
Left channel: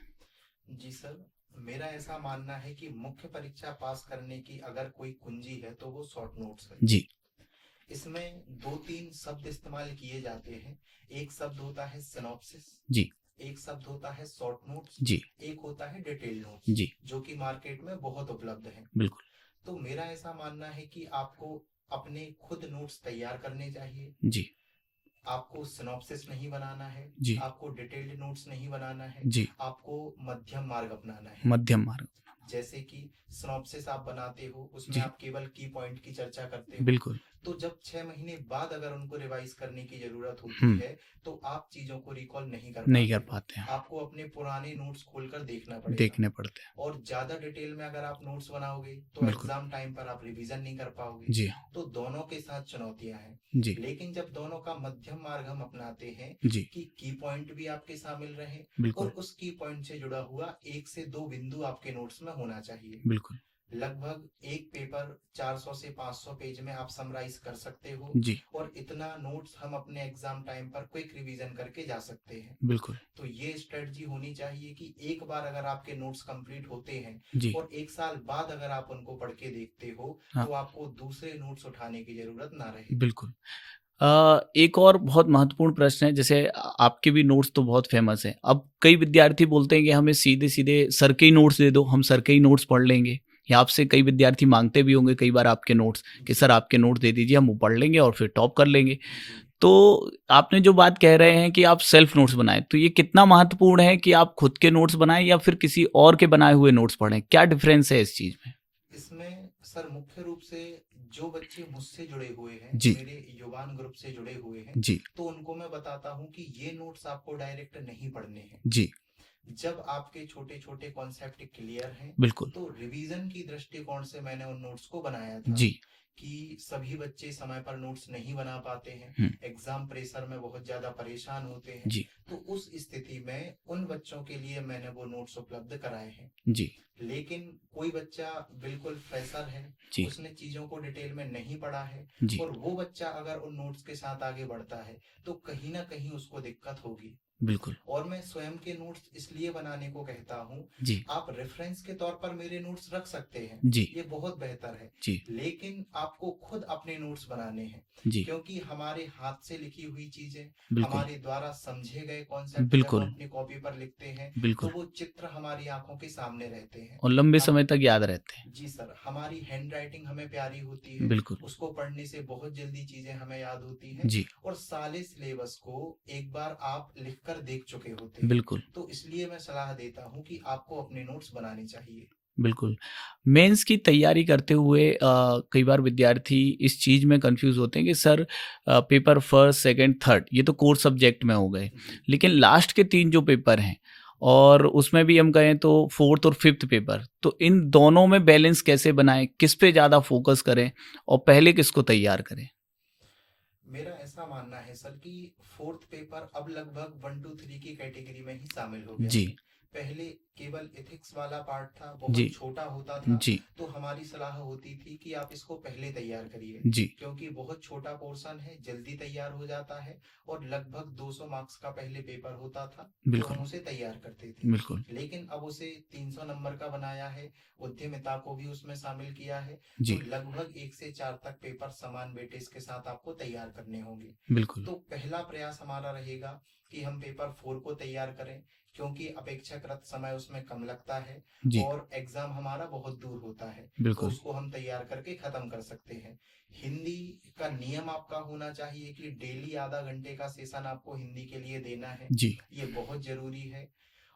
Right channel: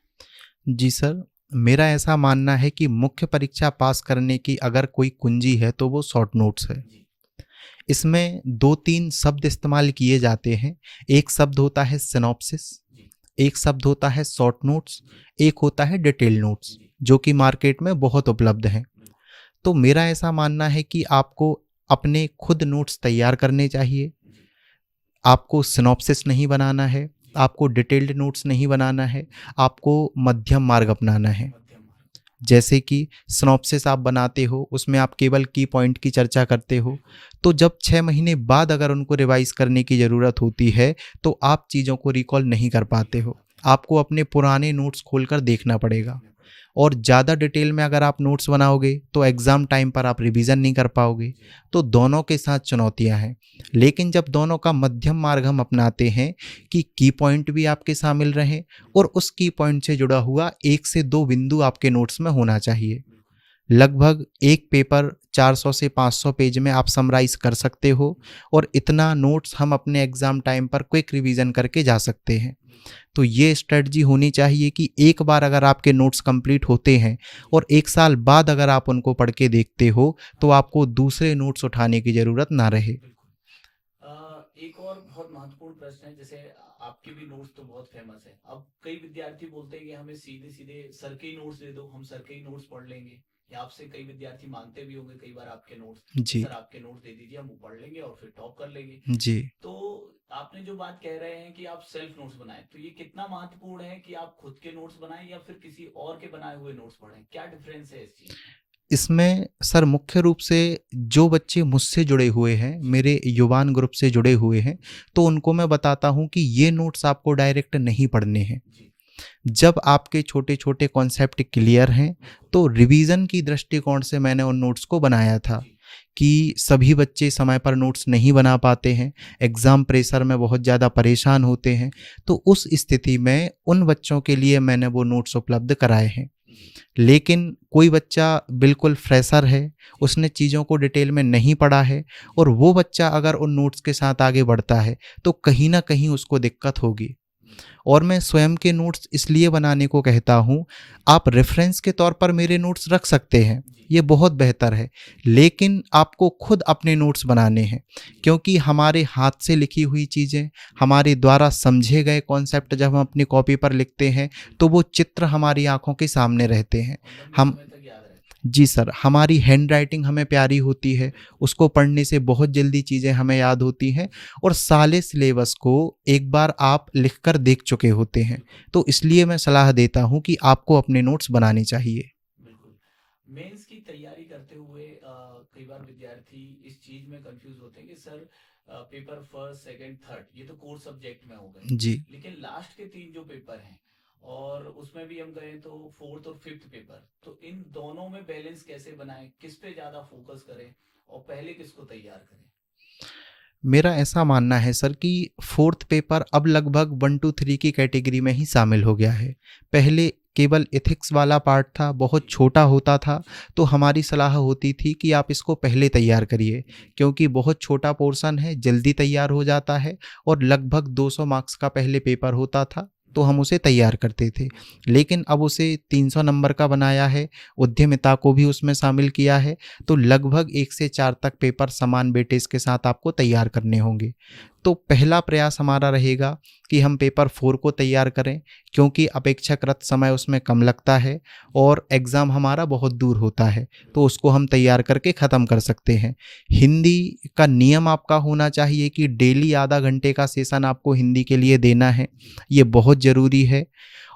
जी सर, मेरा ऐसा मानना है कि मुख्य परीक्षा पास करने की अगर कोई कुंजी है तो वो शॉर्ट नोट्स है। जी, इसमें 2-3 शब्द इस्तेमाल किए जाते हैं। एक शब्द होता है सिनॉप्सिस, जी, एक शब्द होता है शॉर्ट नोट्स, जी, एक होता है डिटेल नोट्स, जी, जो कि मार्केट में बहुत उपलब्ध हैं। बिल्कुल। तो मेरा ऐसा मानना है कि आपको अपने खुद नोट्स तैयार करने चाहिए। जी, आपको सिनॉप्सिस नहीं बनाना है, जी, आपको डिटेल्ड नोट्स नहीं बनाना है, जी, आपको मध्यम मार्ग अपनाना है। मध्यम मार्ग। जैसे कि सिनॉप्सिस आप बनाते हो, उसमें जी, आप केवल की पॉइंट की चर्चा करते हो, बिल्कुल। तो जब 6 महीने बाद अगर उनको रिवाइज करने की ज़रूरत होती है तो आप चीज़ों को रिकॉल नहीं कर नहीं पाते कर हो। पाते हैं, आपको अपने पुराने नोट्स खोलकर देखना पड़ेगा, देखने पड़ते हैं। और ज़्यादा डिटेल में अगर आप नोट्स बनाओगे तो बिल्कुल। एग्ज़ाम टाइम पर आप रिवीजन नहीं कर पाओगे। जी, तो दोनों के साथ चुनौतियां हैं। जी, लेकिन जब दोनों का मध्यम मार्ग हम अपनाते हैं जी, कि की पॉइंट भी आपके शामिल रहें बिल्कुल, और उस की पॉइंट से जुड़ा हुआ 1 से 2 बिंदु आपके नोट्स में होना चाहिए। बिल्कुल। लगभग एक पेपर 400 से 500 पेज में आप समराइज कर सकते हो, जी, और इतना नोट्स हम अपने एग्जाम टाइम पर क्विक रिवीजन करके जा सकते हैं। बिल्कुल। तो ये स्ट्रेटजी होनी चाहिए कि एक बार अगर आपके नोट्स कंप्लीट होते हैं जी, और 1 साल बाद अगर आप उनको पढ़ के देखते हो हाँ, तो आपको दूसरे नोट्स उठाने की ज़रूरत ना रहे। बिल्कुल। एक और बहुत महत्वपूर्ण प्रश्न है, जैसे आपके भी नोट्स तो बहुत फेमस हैं। अब कई विद्यार्थी बोलते हैं कि हमें सीधे-सीधे सर के ही नोट्स दे दो, हम सर के ही नोट्स पढ़ लेंगे। या आपसे कई विद्यार्थी माँगते भी होंगे कई बार आपके नोट्स कि जी, सर आपके नोट्स दे दीजिए, हम वो पढ़ लेंगे और फिर टॉप कर लेंगे। जी। तो आपने जो बात कह रहे हैं कि आप सेल्फ नोट्स बनाएँ, तो ये कितना महत्वपूर्ण है कि आप खुद के नोट्स बनाएँ या फिर किसी और के बनाए हुए नोट्स पढ़ें? क्या डिफ़रेंस है इस चीज़ में? इसमें सर मुख्य रूप से जो बच्चे मुझसे जुड़े हुए हैं, जी, मेरे युवान ग्रुप से जुड़े हुए हैं, जी, तो उनको मैं बताता हूँ कि ये नोट्स आपको डायरेक्ट नहीं पढ़ने हैं। जी, जब आपके छोटे-छोटे कॉन्सेप्ट क्लियर हैं, बिल्कुल। तो रिवीजन की दृष्टिकोण से मैंने उन नोट्स को बनाया था जी, कि सभी बच्चे समय पर नोट्स नहीं बना पाते हैं, हुँ, एग्ज़ाम प्रेशर में बहुत ज़्यादा परेशान होते हैं। जी, तो उस स्थिति में उन बच्चों के लिए मैंने वो नोट्स उपलब्ध कराए हैं। जी, लेकिन कोई बच्चा बिल्कुल फ्रेशर है, जी, उसने चीज़ों को डिटेल में नहीं पढ़ा है, जी, और वो बच्चा अगर उन नोट्स के साथ आगे बढ़ता है, तो कहीं न कहीं उसको दिक्कत होगी। बिल्कुल। और मैं स्वयं के नोट्स इसलिए बनाने को कहता हूँ, जी, आप रेफरेंस के तौर पर मेरे नोट्स रख सकते हैं, जी, ये बहुत बेहतर है। जी, लेकिन आपको खुद अपने नोट्स बनाने हैं, जी, क्योंकि हमारे हाथ से लिखी हुई चीज़ें, बिल्कुल, हमारे द्वारा समझे गए कॉन्सेप्ट जब हम बिल्कुल, अपनी कॉपी पर लिखते हैं, तो बिल्कुल, वो चित्र हमारी आँखों के सामने रहते हैं। और लंबे हम समय तक याद रहते हैं। जी सर, हमारी हैंडराइटिंग हमें प्यारी होती है, बिल्कुल, उसको पढ़ने से बहुत जल्दी चीज़ें हमें याद होती हैं, जी, और साले सिलेबस को एक बार आप लिखकर देख चुके होते हैं। बिल्कुल, तो इसलिए मैं सलाह देता हूँ कि आपको अपने नोट्स बनाने चाहिए। बिल्कुल। मेंस की तैयारी करते हुए कई बार विद्यार्थी इस चीज़ में कन्फ्यूज़ होते हैं कि sir paper first, second, third ये तो कोर सब्जेक्ट में हो गए। जी। लेकिन लास्ट के 3 जो पेपर हैं और उसमें भी हम कहें तो 4th और 5th पेपर, तो इन दोनों में बैलेंस कैसे बनाएँ? किस पे ज़्यादा फ़ोकस करें और पहले किसको तैयार करें? मेरा ऐसा मानना है सर कि 4th पेपर अब लगभग 1 टू 3 की कैटेगरी में ही शामिल हो गया जी, है। पहले केवल एथिक्स वाला पार्ट था, बहुत जी, छोटा होता था, जी, तो हमारी सलाह होती थी कि आप इसको पहले तैयार करिए, जी, क्योंकि बहुत छोटा पोर्शन है, जल्दी तैयार हो जाता है, और लगभग 200 मार्क्स का पहले पेपर होता था, तो बिल्कुल, हम उसे तैयार करते थे। बिल्कुल, लेकिन अब उसे 300 नंबर का बनाया है, उद्यमिता को भी उसमें शामिल किया है, तो जी, लगभग 1 से 4 तक पेपर समान वेटेज के साथ आपको तैयार करने होंगे। बिल्कुल, तो पहला प्रयास हमारा रहेगा कि हम पेपर 4 को तैयार करें, क्योंकि अपेक्षाकृत समय उसमें कम लगता है जी, और एग्ज़ाम हमारा बहुत दूर होता है, तो बिल्कुल, उसको हम तैयार करके ख़त्म कर सकते हैं। हिंदी का नियम आपका होना चाहिए कि डेली आधा घंटे का सेशन आपको हिंदी के लिए देना है, जी, ये बहुत ज़रूरी है।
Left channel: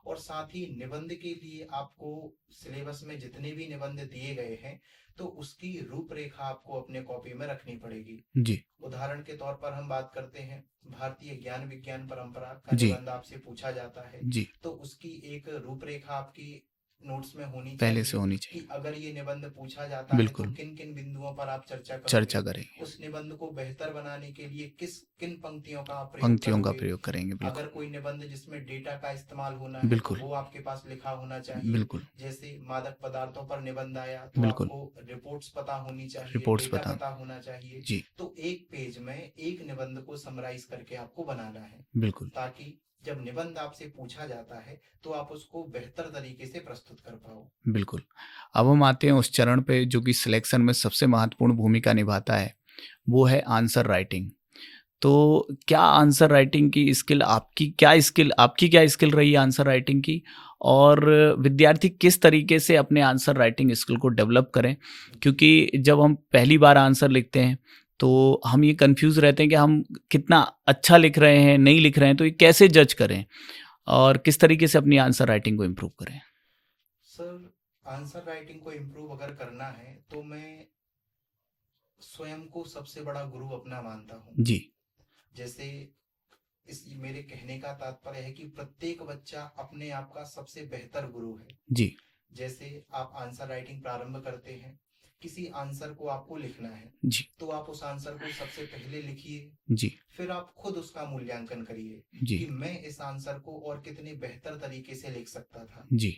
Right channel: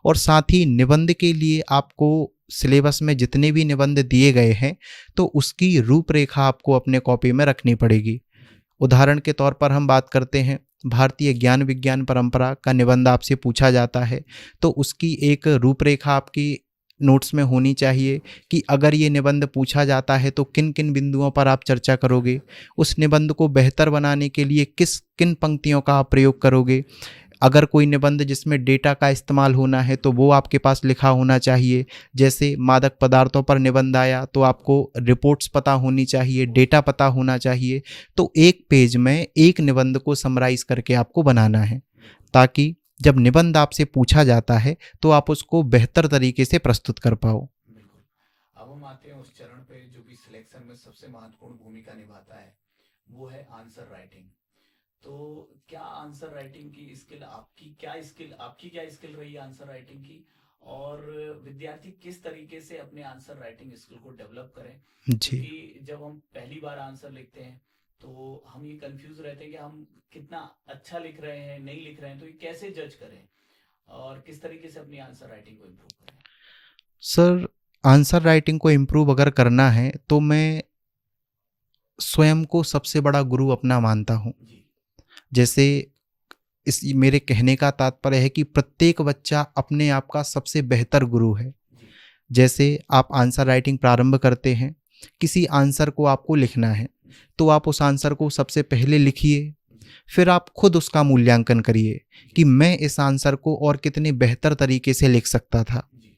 और साथ ही निबंध के लिए आपको सिलेबस में जितने भी निबंध दिए गए हैं, तो उसकी रूपरेखा आपको अपने कॉपी में रखनी पड़ेगी। जी, उदाहरण के तौर पर हम बात करते हैं, भारतीय ज्ञान विज्ञान परंपरा का जी। निबंध आपसे पूछा जाता है, जी, तो उसकी एक रूपरेखा आपकी नोट्स में होनी पहले से चाहिए होनी कि चाहिए। अगर ये निबंध पूछा जाता है तो बिल्कुल, किन किन बिंदुओं पर आप चर्चा करोगे, चर्चा करेंगे, उस निबंध को बेहतर बनाने के लिए किस किन पंक्तियों का आप प्रयोग पंक्तियों का करोगे। प्रयोग करेंगे। अगर कोई निबंध जिसमें डेटा का इस्तेमाल होना है तो बिल्कुल, वो आपके पास लिखा होना चाहिए। बिल्कुल, जैसे मादक पदार्थों पर निबंध आया तो बिल्कुल, आपको रिपोर्ट्स पता होनी चाहिए, रिपोर्ट्स डेटा पता पता होना चाहिए। जी, तो एक पेज में एक निबंध को समराइज करके आपको बनाना है, बिल्कुल, ताकि जब निबंध आपसे पूछा जाता है तो आप उसको बेहतर तरीके से प्रस्तुत कर पाओ। बिल्कुल। अब हम आते हैं उस चरण पे जो कि सिलेक्शन में सबसे महत्वपूर्ण भूमिका निभाता है, वो है आंसर राइटिंग। तो क्या आंसर राइटिंग की स्किल आपकी क्या स्किल रही है आंसर राइटिंग की? और विद्यार्थी किस तरीके से अपने आंसर राइटिंग स्किल को डेवलप करें? जी क्योंकि जब हम पहली बार आंसर लिखते हैं, तो हम ये कन्फ्यूज़ रहते हैं कि हम कितना अच्छा लिख रहे हैं, नहीं लिख रहे हैं, तो ये कैसे जज करें? और किस तरीके से अपनी आंसर राइटिंग को इम्प्रूव करें? सर, आंसर राइटिंग को इम्प्रूव अगर करना है तो मैं स्वयं को सबसे बड़ा गुरु अपना मानता हूँ। जी, जैसे इस मेरे कहने का तात्पर्य है कि प्रत्येक बच्चा अपने आप का सबसे बेहतर गुरु है। जी, जैसे आप आंसर राइटिंग प्रारंभ करते हैं, किसी आंसर को आपको लिखना है, जी, तो आप उस आंसर को सबसे पहले लिखिए, जी, फिर आप खुद उसका मूल्यांकन करिए जी, कि मैं इस आंसर को और कितने बेहतर तरीके से लिख सकता था। जी,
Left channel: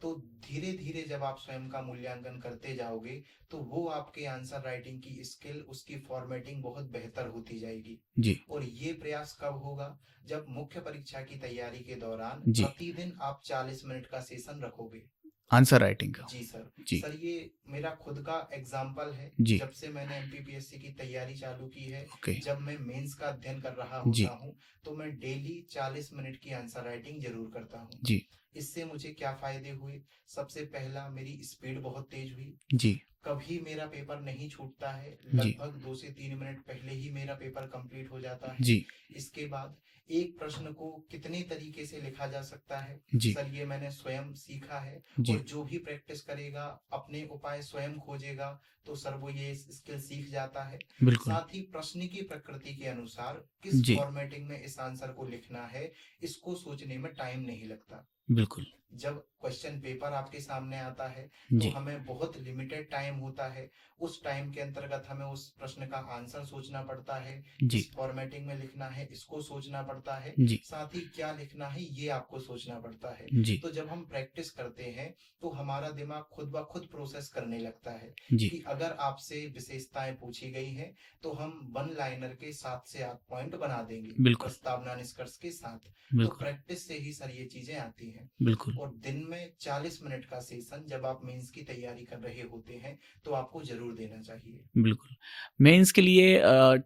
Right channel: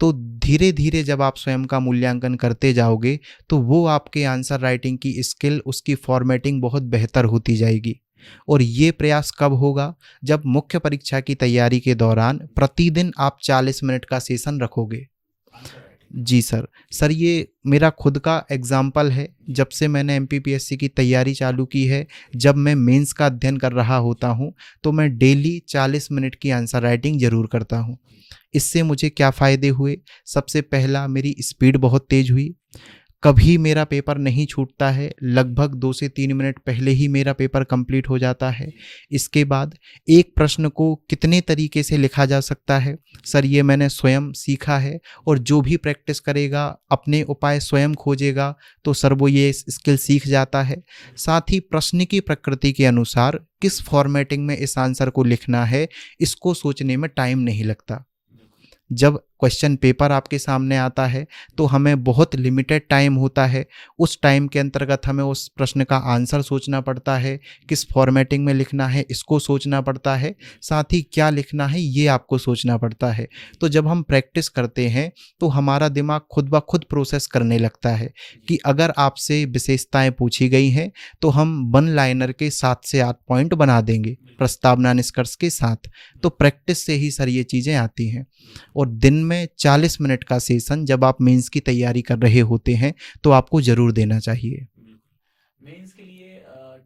तो धीरे धीरे जब आप स्वयं का मूल्यांकन करते जाओगे तो वो आपके आंसर राइटिंग की स्किल, उसकी फॉर्मेटिंग बहुत बेहतर होती जाएगी। जी, और ये प्रयास कब होगा? जब मुख्य परीक्षा की तैयारी के दौरान जी। प्रतिदिन आप 40 मिनट का सेशन रखोगे। आंसर राइटिंग का। जी सर। जी, सर, ये मेरा खुद का एग्जाम्पल है। जी। जब से मैंने एमपीपीएससी की तैयारी चालू की है, ओके, जब मैं मेंस का अध्ययन कर रहा होता जी, हूँ, तो मैं डेली 40 मिनट की आंसर राइटिंग जरूर करता हूँ। जी, इससे मुझे क्या फ़ायदे हुए? सबसे पहला, मेरी स्पीड बहुत तेज हुई। जी, कभी मेरा पेपर नहीं छूटता है, जी, लगभग 2 से 3 मिनट पहले ही मेरा पेपर कंप्लीट हो जाता है। जी, इसके बाद एक प्रश्न को कितने तरीके से लिखा जा सकता है, जी, सर ये मैंने स्वयं सीखा है। और जी, जो भी प्रैक्टिस करेगा, अपने उपाय स्वयं खोजेगा, तो सर वो ये स्किल सीख जाता है। बिल्कुल, साथ ही प्रश्न की प्रकृति के अनुसार किस जी, फॉर्मेटिंग में इस आंसर को लिखना है, इसको सोचने में टाइम नहीं लगता। बिल्कुल, जब क्वेश्चन पेपर आपके सामने आता है तो जी, हमें बहुत लिमिटेड टाइम होता है। उस टाइम के अंतर्गत हमें उस प्रश्न का आंसर सोचना पड़ता है, किस जी, फॉर्मेटिंग में लिखना है इसको सोचना पड़ता है, जी, साथ ही क्या लिखना है ये आपको सोचना पड़ता है। जी, तो जब हम प्रैक्टिस करते हैं तो हमारा दिमाग खुद ब खुद प्रोसेस करने लगता है जी, कि अगर आपसे विशेषताएं पूछी गई हैं तो हम वन लाइनर के 7 से 8 पॉइंट बना देंगे बिल्कुल, प्रस्तावना निष्कर्ष के साथ। तो बिल्कुल, प्रैक्टिस से ही सर ये चीज़ें आती हैं। बिल्कुल, और दिन में 40 मिनट का सेशन जब आप मेंस की तैयारी कर रहे होते हैं तो आपको ज़रूर देना चाहिए। बिल्कुल। मेंस के लिए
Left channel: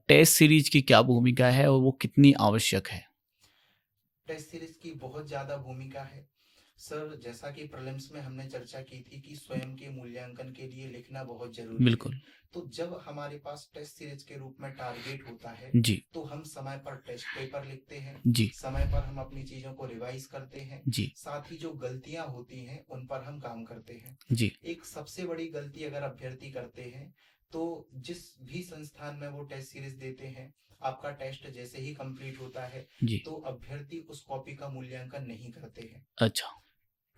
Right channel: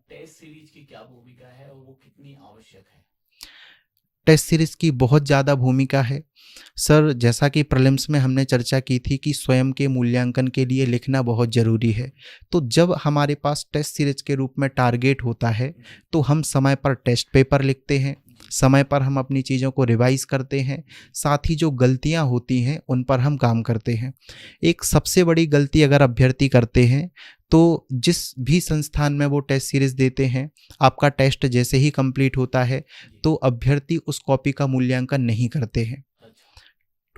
टेस्ट सीरीज की क्या भूमिका है और वो कितनी आवश्यक है? टेस्ट सीरीज़ की बहुत ज़्यादा भूमिका है। सर, जैसा कि प्रीलिम्स में हमने चर्चा की थी कि स्वयं के मूल्यांकन के लिए लिखना बहुत ज़रूरी है। बिल्कुल, तो जब हमारे पास टेस्ट सीरीज़ के रूप में टारगेट होता है जी, तो हम समय पर टेस्ट पेपर लिखते हैं, जी, समय पर हम अपनी चीज़ों को रिवाइज़ करते हैं, जी, साथ ही जो गलतियाँ होती हैं उन पर हम काम करते हैं। जी, एक सबसे बड़ी गलती अगर अभ्यर्थी करते हैं तो जिस भी संस्थान में वो टेस्ट सीरीज देते हैं, आपका टेस्ट जैसे ही कंप्लीट होता है जी, तो अभ्यर्थी उस कॉपी का मूल्यांकन नहीं करते हैं। अच्छा,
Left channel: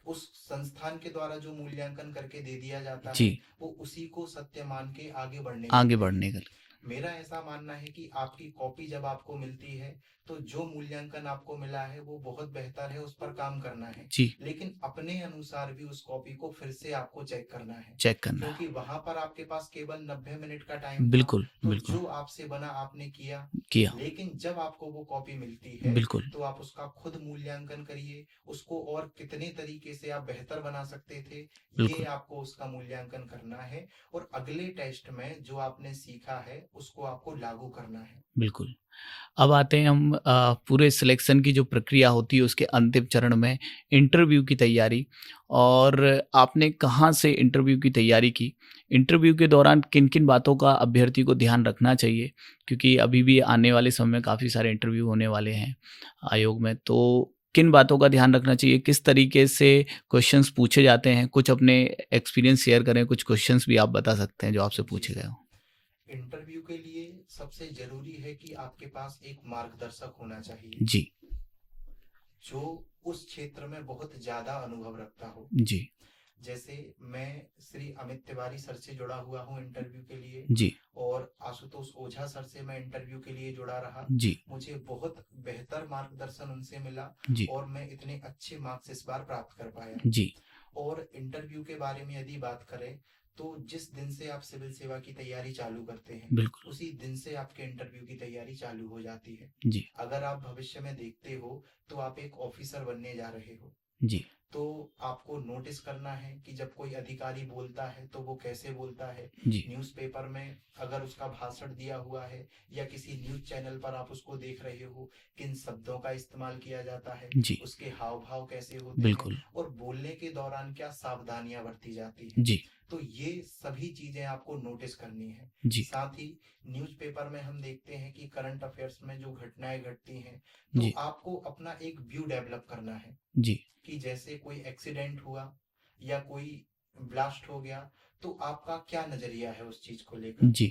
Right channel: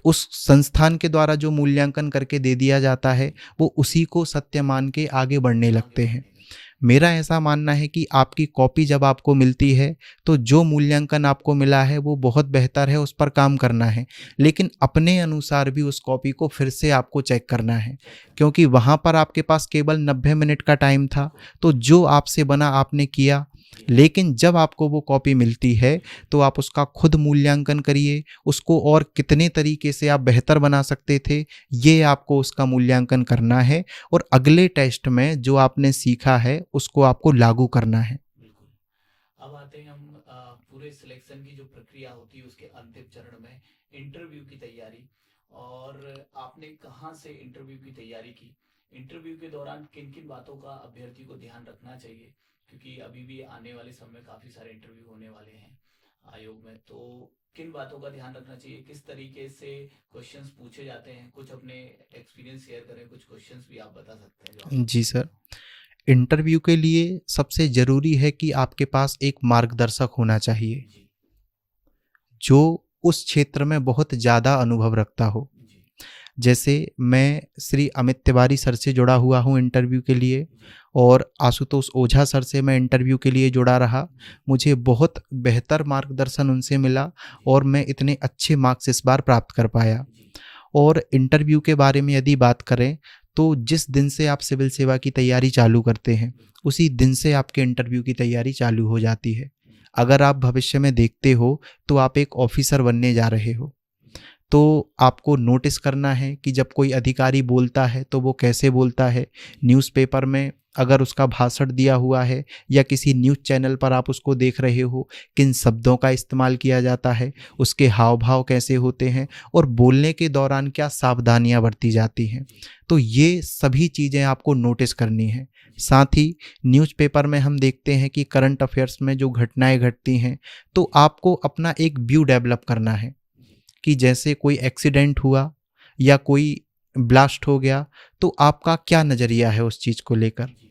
उस संस्थान के द्वारा जो मूल्यांकन करके दे दिया जाता है जी, वो उसी को सत्य मान के आगे बढ़ने आगे लगते हैं। बढ़ने का मेरा ऐसा मानना है कि आपकी कॉपी जब आपको मिलती है तो जो मूल्यांकन आपको मिला है वो बहुत बेहतर है, उस पर काम करना है, जी, लेकिन अपने अनुसार भी उस कॉपी को फिर से आपको चेक करना है, चेक करना क्योंकि वहाँ पर आपके पास केवल 90 मिनट का टाइम है। था। बिल्कुल, तो बिल्कुल, जो आपसे बना आपने किया, किया, लेकिन जब आपको वो कॉपी मिलती है बिल्कुल, तो आप उसका खुद मूल्यांकन करिए, उसको और कितने तरीके से आप बेहतर बना सकते थे ये बिल्कुल, आपको उसका मूल्यांकन करना है। और अगले टेस्ट में जो आपने सीखा है उसको आपको लागू करना है। बिल्कुल। अब आते हैं हम पूरे सिलेक्शन की जो प्रक्रिया होती है उसके अंतिम चरण में इंटरव्यू की तैयारी। और आपने कहाँ से इंटरव्यू की तैयारी की? इंटरव्यू के दौरान किन किन बातों का अभ्यर्थी को ध्यान रखना चाहिए? क्योंकि अभी भी आने वाले समय में काफ़ी सारे इंटरव्यू होने वाले हैं आयोग में, तो किन बातों का ध्यान रखना चाहिए? किस तरीके से क्वेश्चंस पूछे जाते हैं? कुछ अपने एक्सपीरियंस शेयर करें, कुछ क्वेश्चंस भी आप बता सकते हैं जो आपसे जी पूछे गए सर। हों। इंटरव्यू के लिए सबसे ज़रूरी है कि आपके पास एक मार्गदर्शक होना चाहिए, जी, जो उस क्षेत्र में बहुत ज़्यादा अनुभव रखता हो। जी, जैसे मैं श्री अमित तिवारी सर से जुड़ा हुआ हूँ इंटरव्यू के लिए, जी, और आशुतोष ओझा सर से मैं इंटरव्यू के लिए जुड़ा रहा। जी, मुझे बहुत बेहतर मार्गदर्शन उनसे मिला जी, और मैं इतने अच्छे मार्क्स इस बार प्राप्त कर पाया। जी, और इंटरव्यू के बारे में यदि बात करें तो जिस दिन से आप सिविल सेवा की तैयारी चालू करते हैं, बिल्कुल, उसी दिन से आपके इंटरव्यू की तैयारी चालू हो जाती है। जी, अगर आप भविष्य में देखते हो तो आप एक ऑफिसर बनने जा रहे हो, जी, तो आपको नोटिस करना है कि जब कोई अधिकारी बोलता है तो वो कैसे बोलता है। जी, न्यूज़पेपर में अगर उसका भाषण दिया हुआ है या किसी न्यूज़ चैनल पर आप उसको देख रहे हो, किन शब्दों का इस्तेमाल किया जाता है, जी, उसके हाव भाव कैसे होते हैं, बिल्कुल, और बोलने के दौरान क्या सावधानियां बरती जाती हैं। जी, तो ये सभी चीज़ें आपको नोटिस करनी है। जी, साथ ही न्यूज़पेपर में हम देखते हैं कि करंट अफेयर्स में जो घटनाएं घटती हैं, तो जी, आपको अपना एक व्यू डेवलप करना है जी, कि जैसे कोई एक्सीडेंट हुआ या कोई ब्लास्ट हो गया, तो आपका क्या नज़रिया है उस चीज़ को लेकर। जी,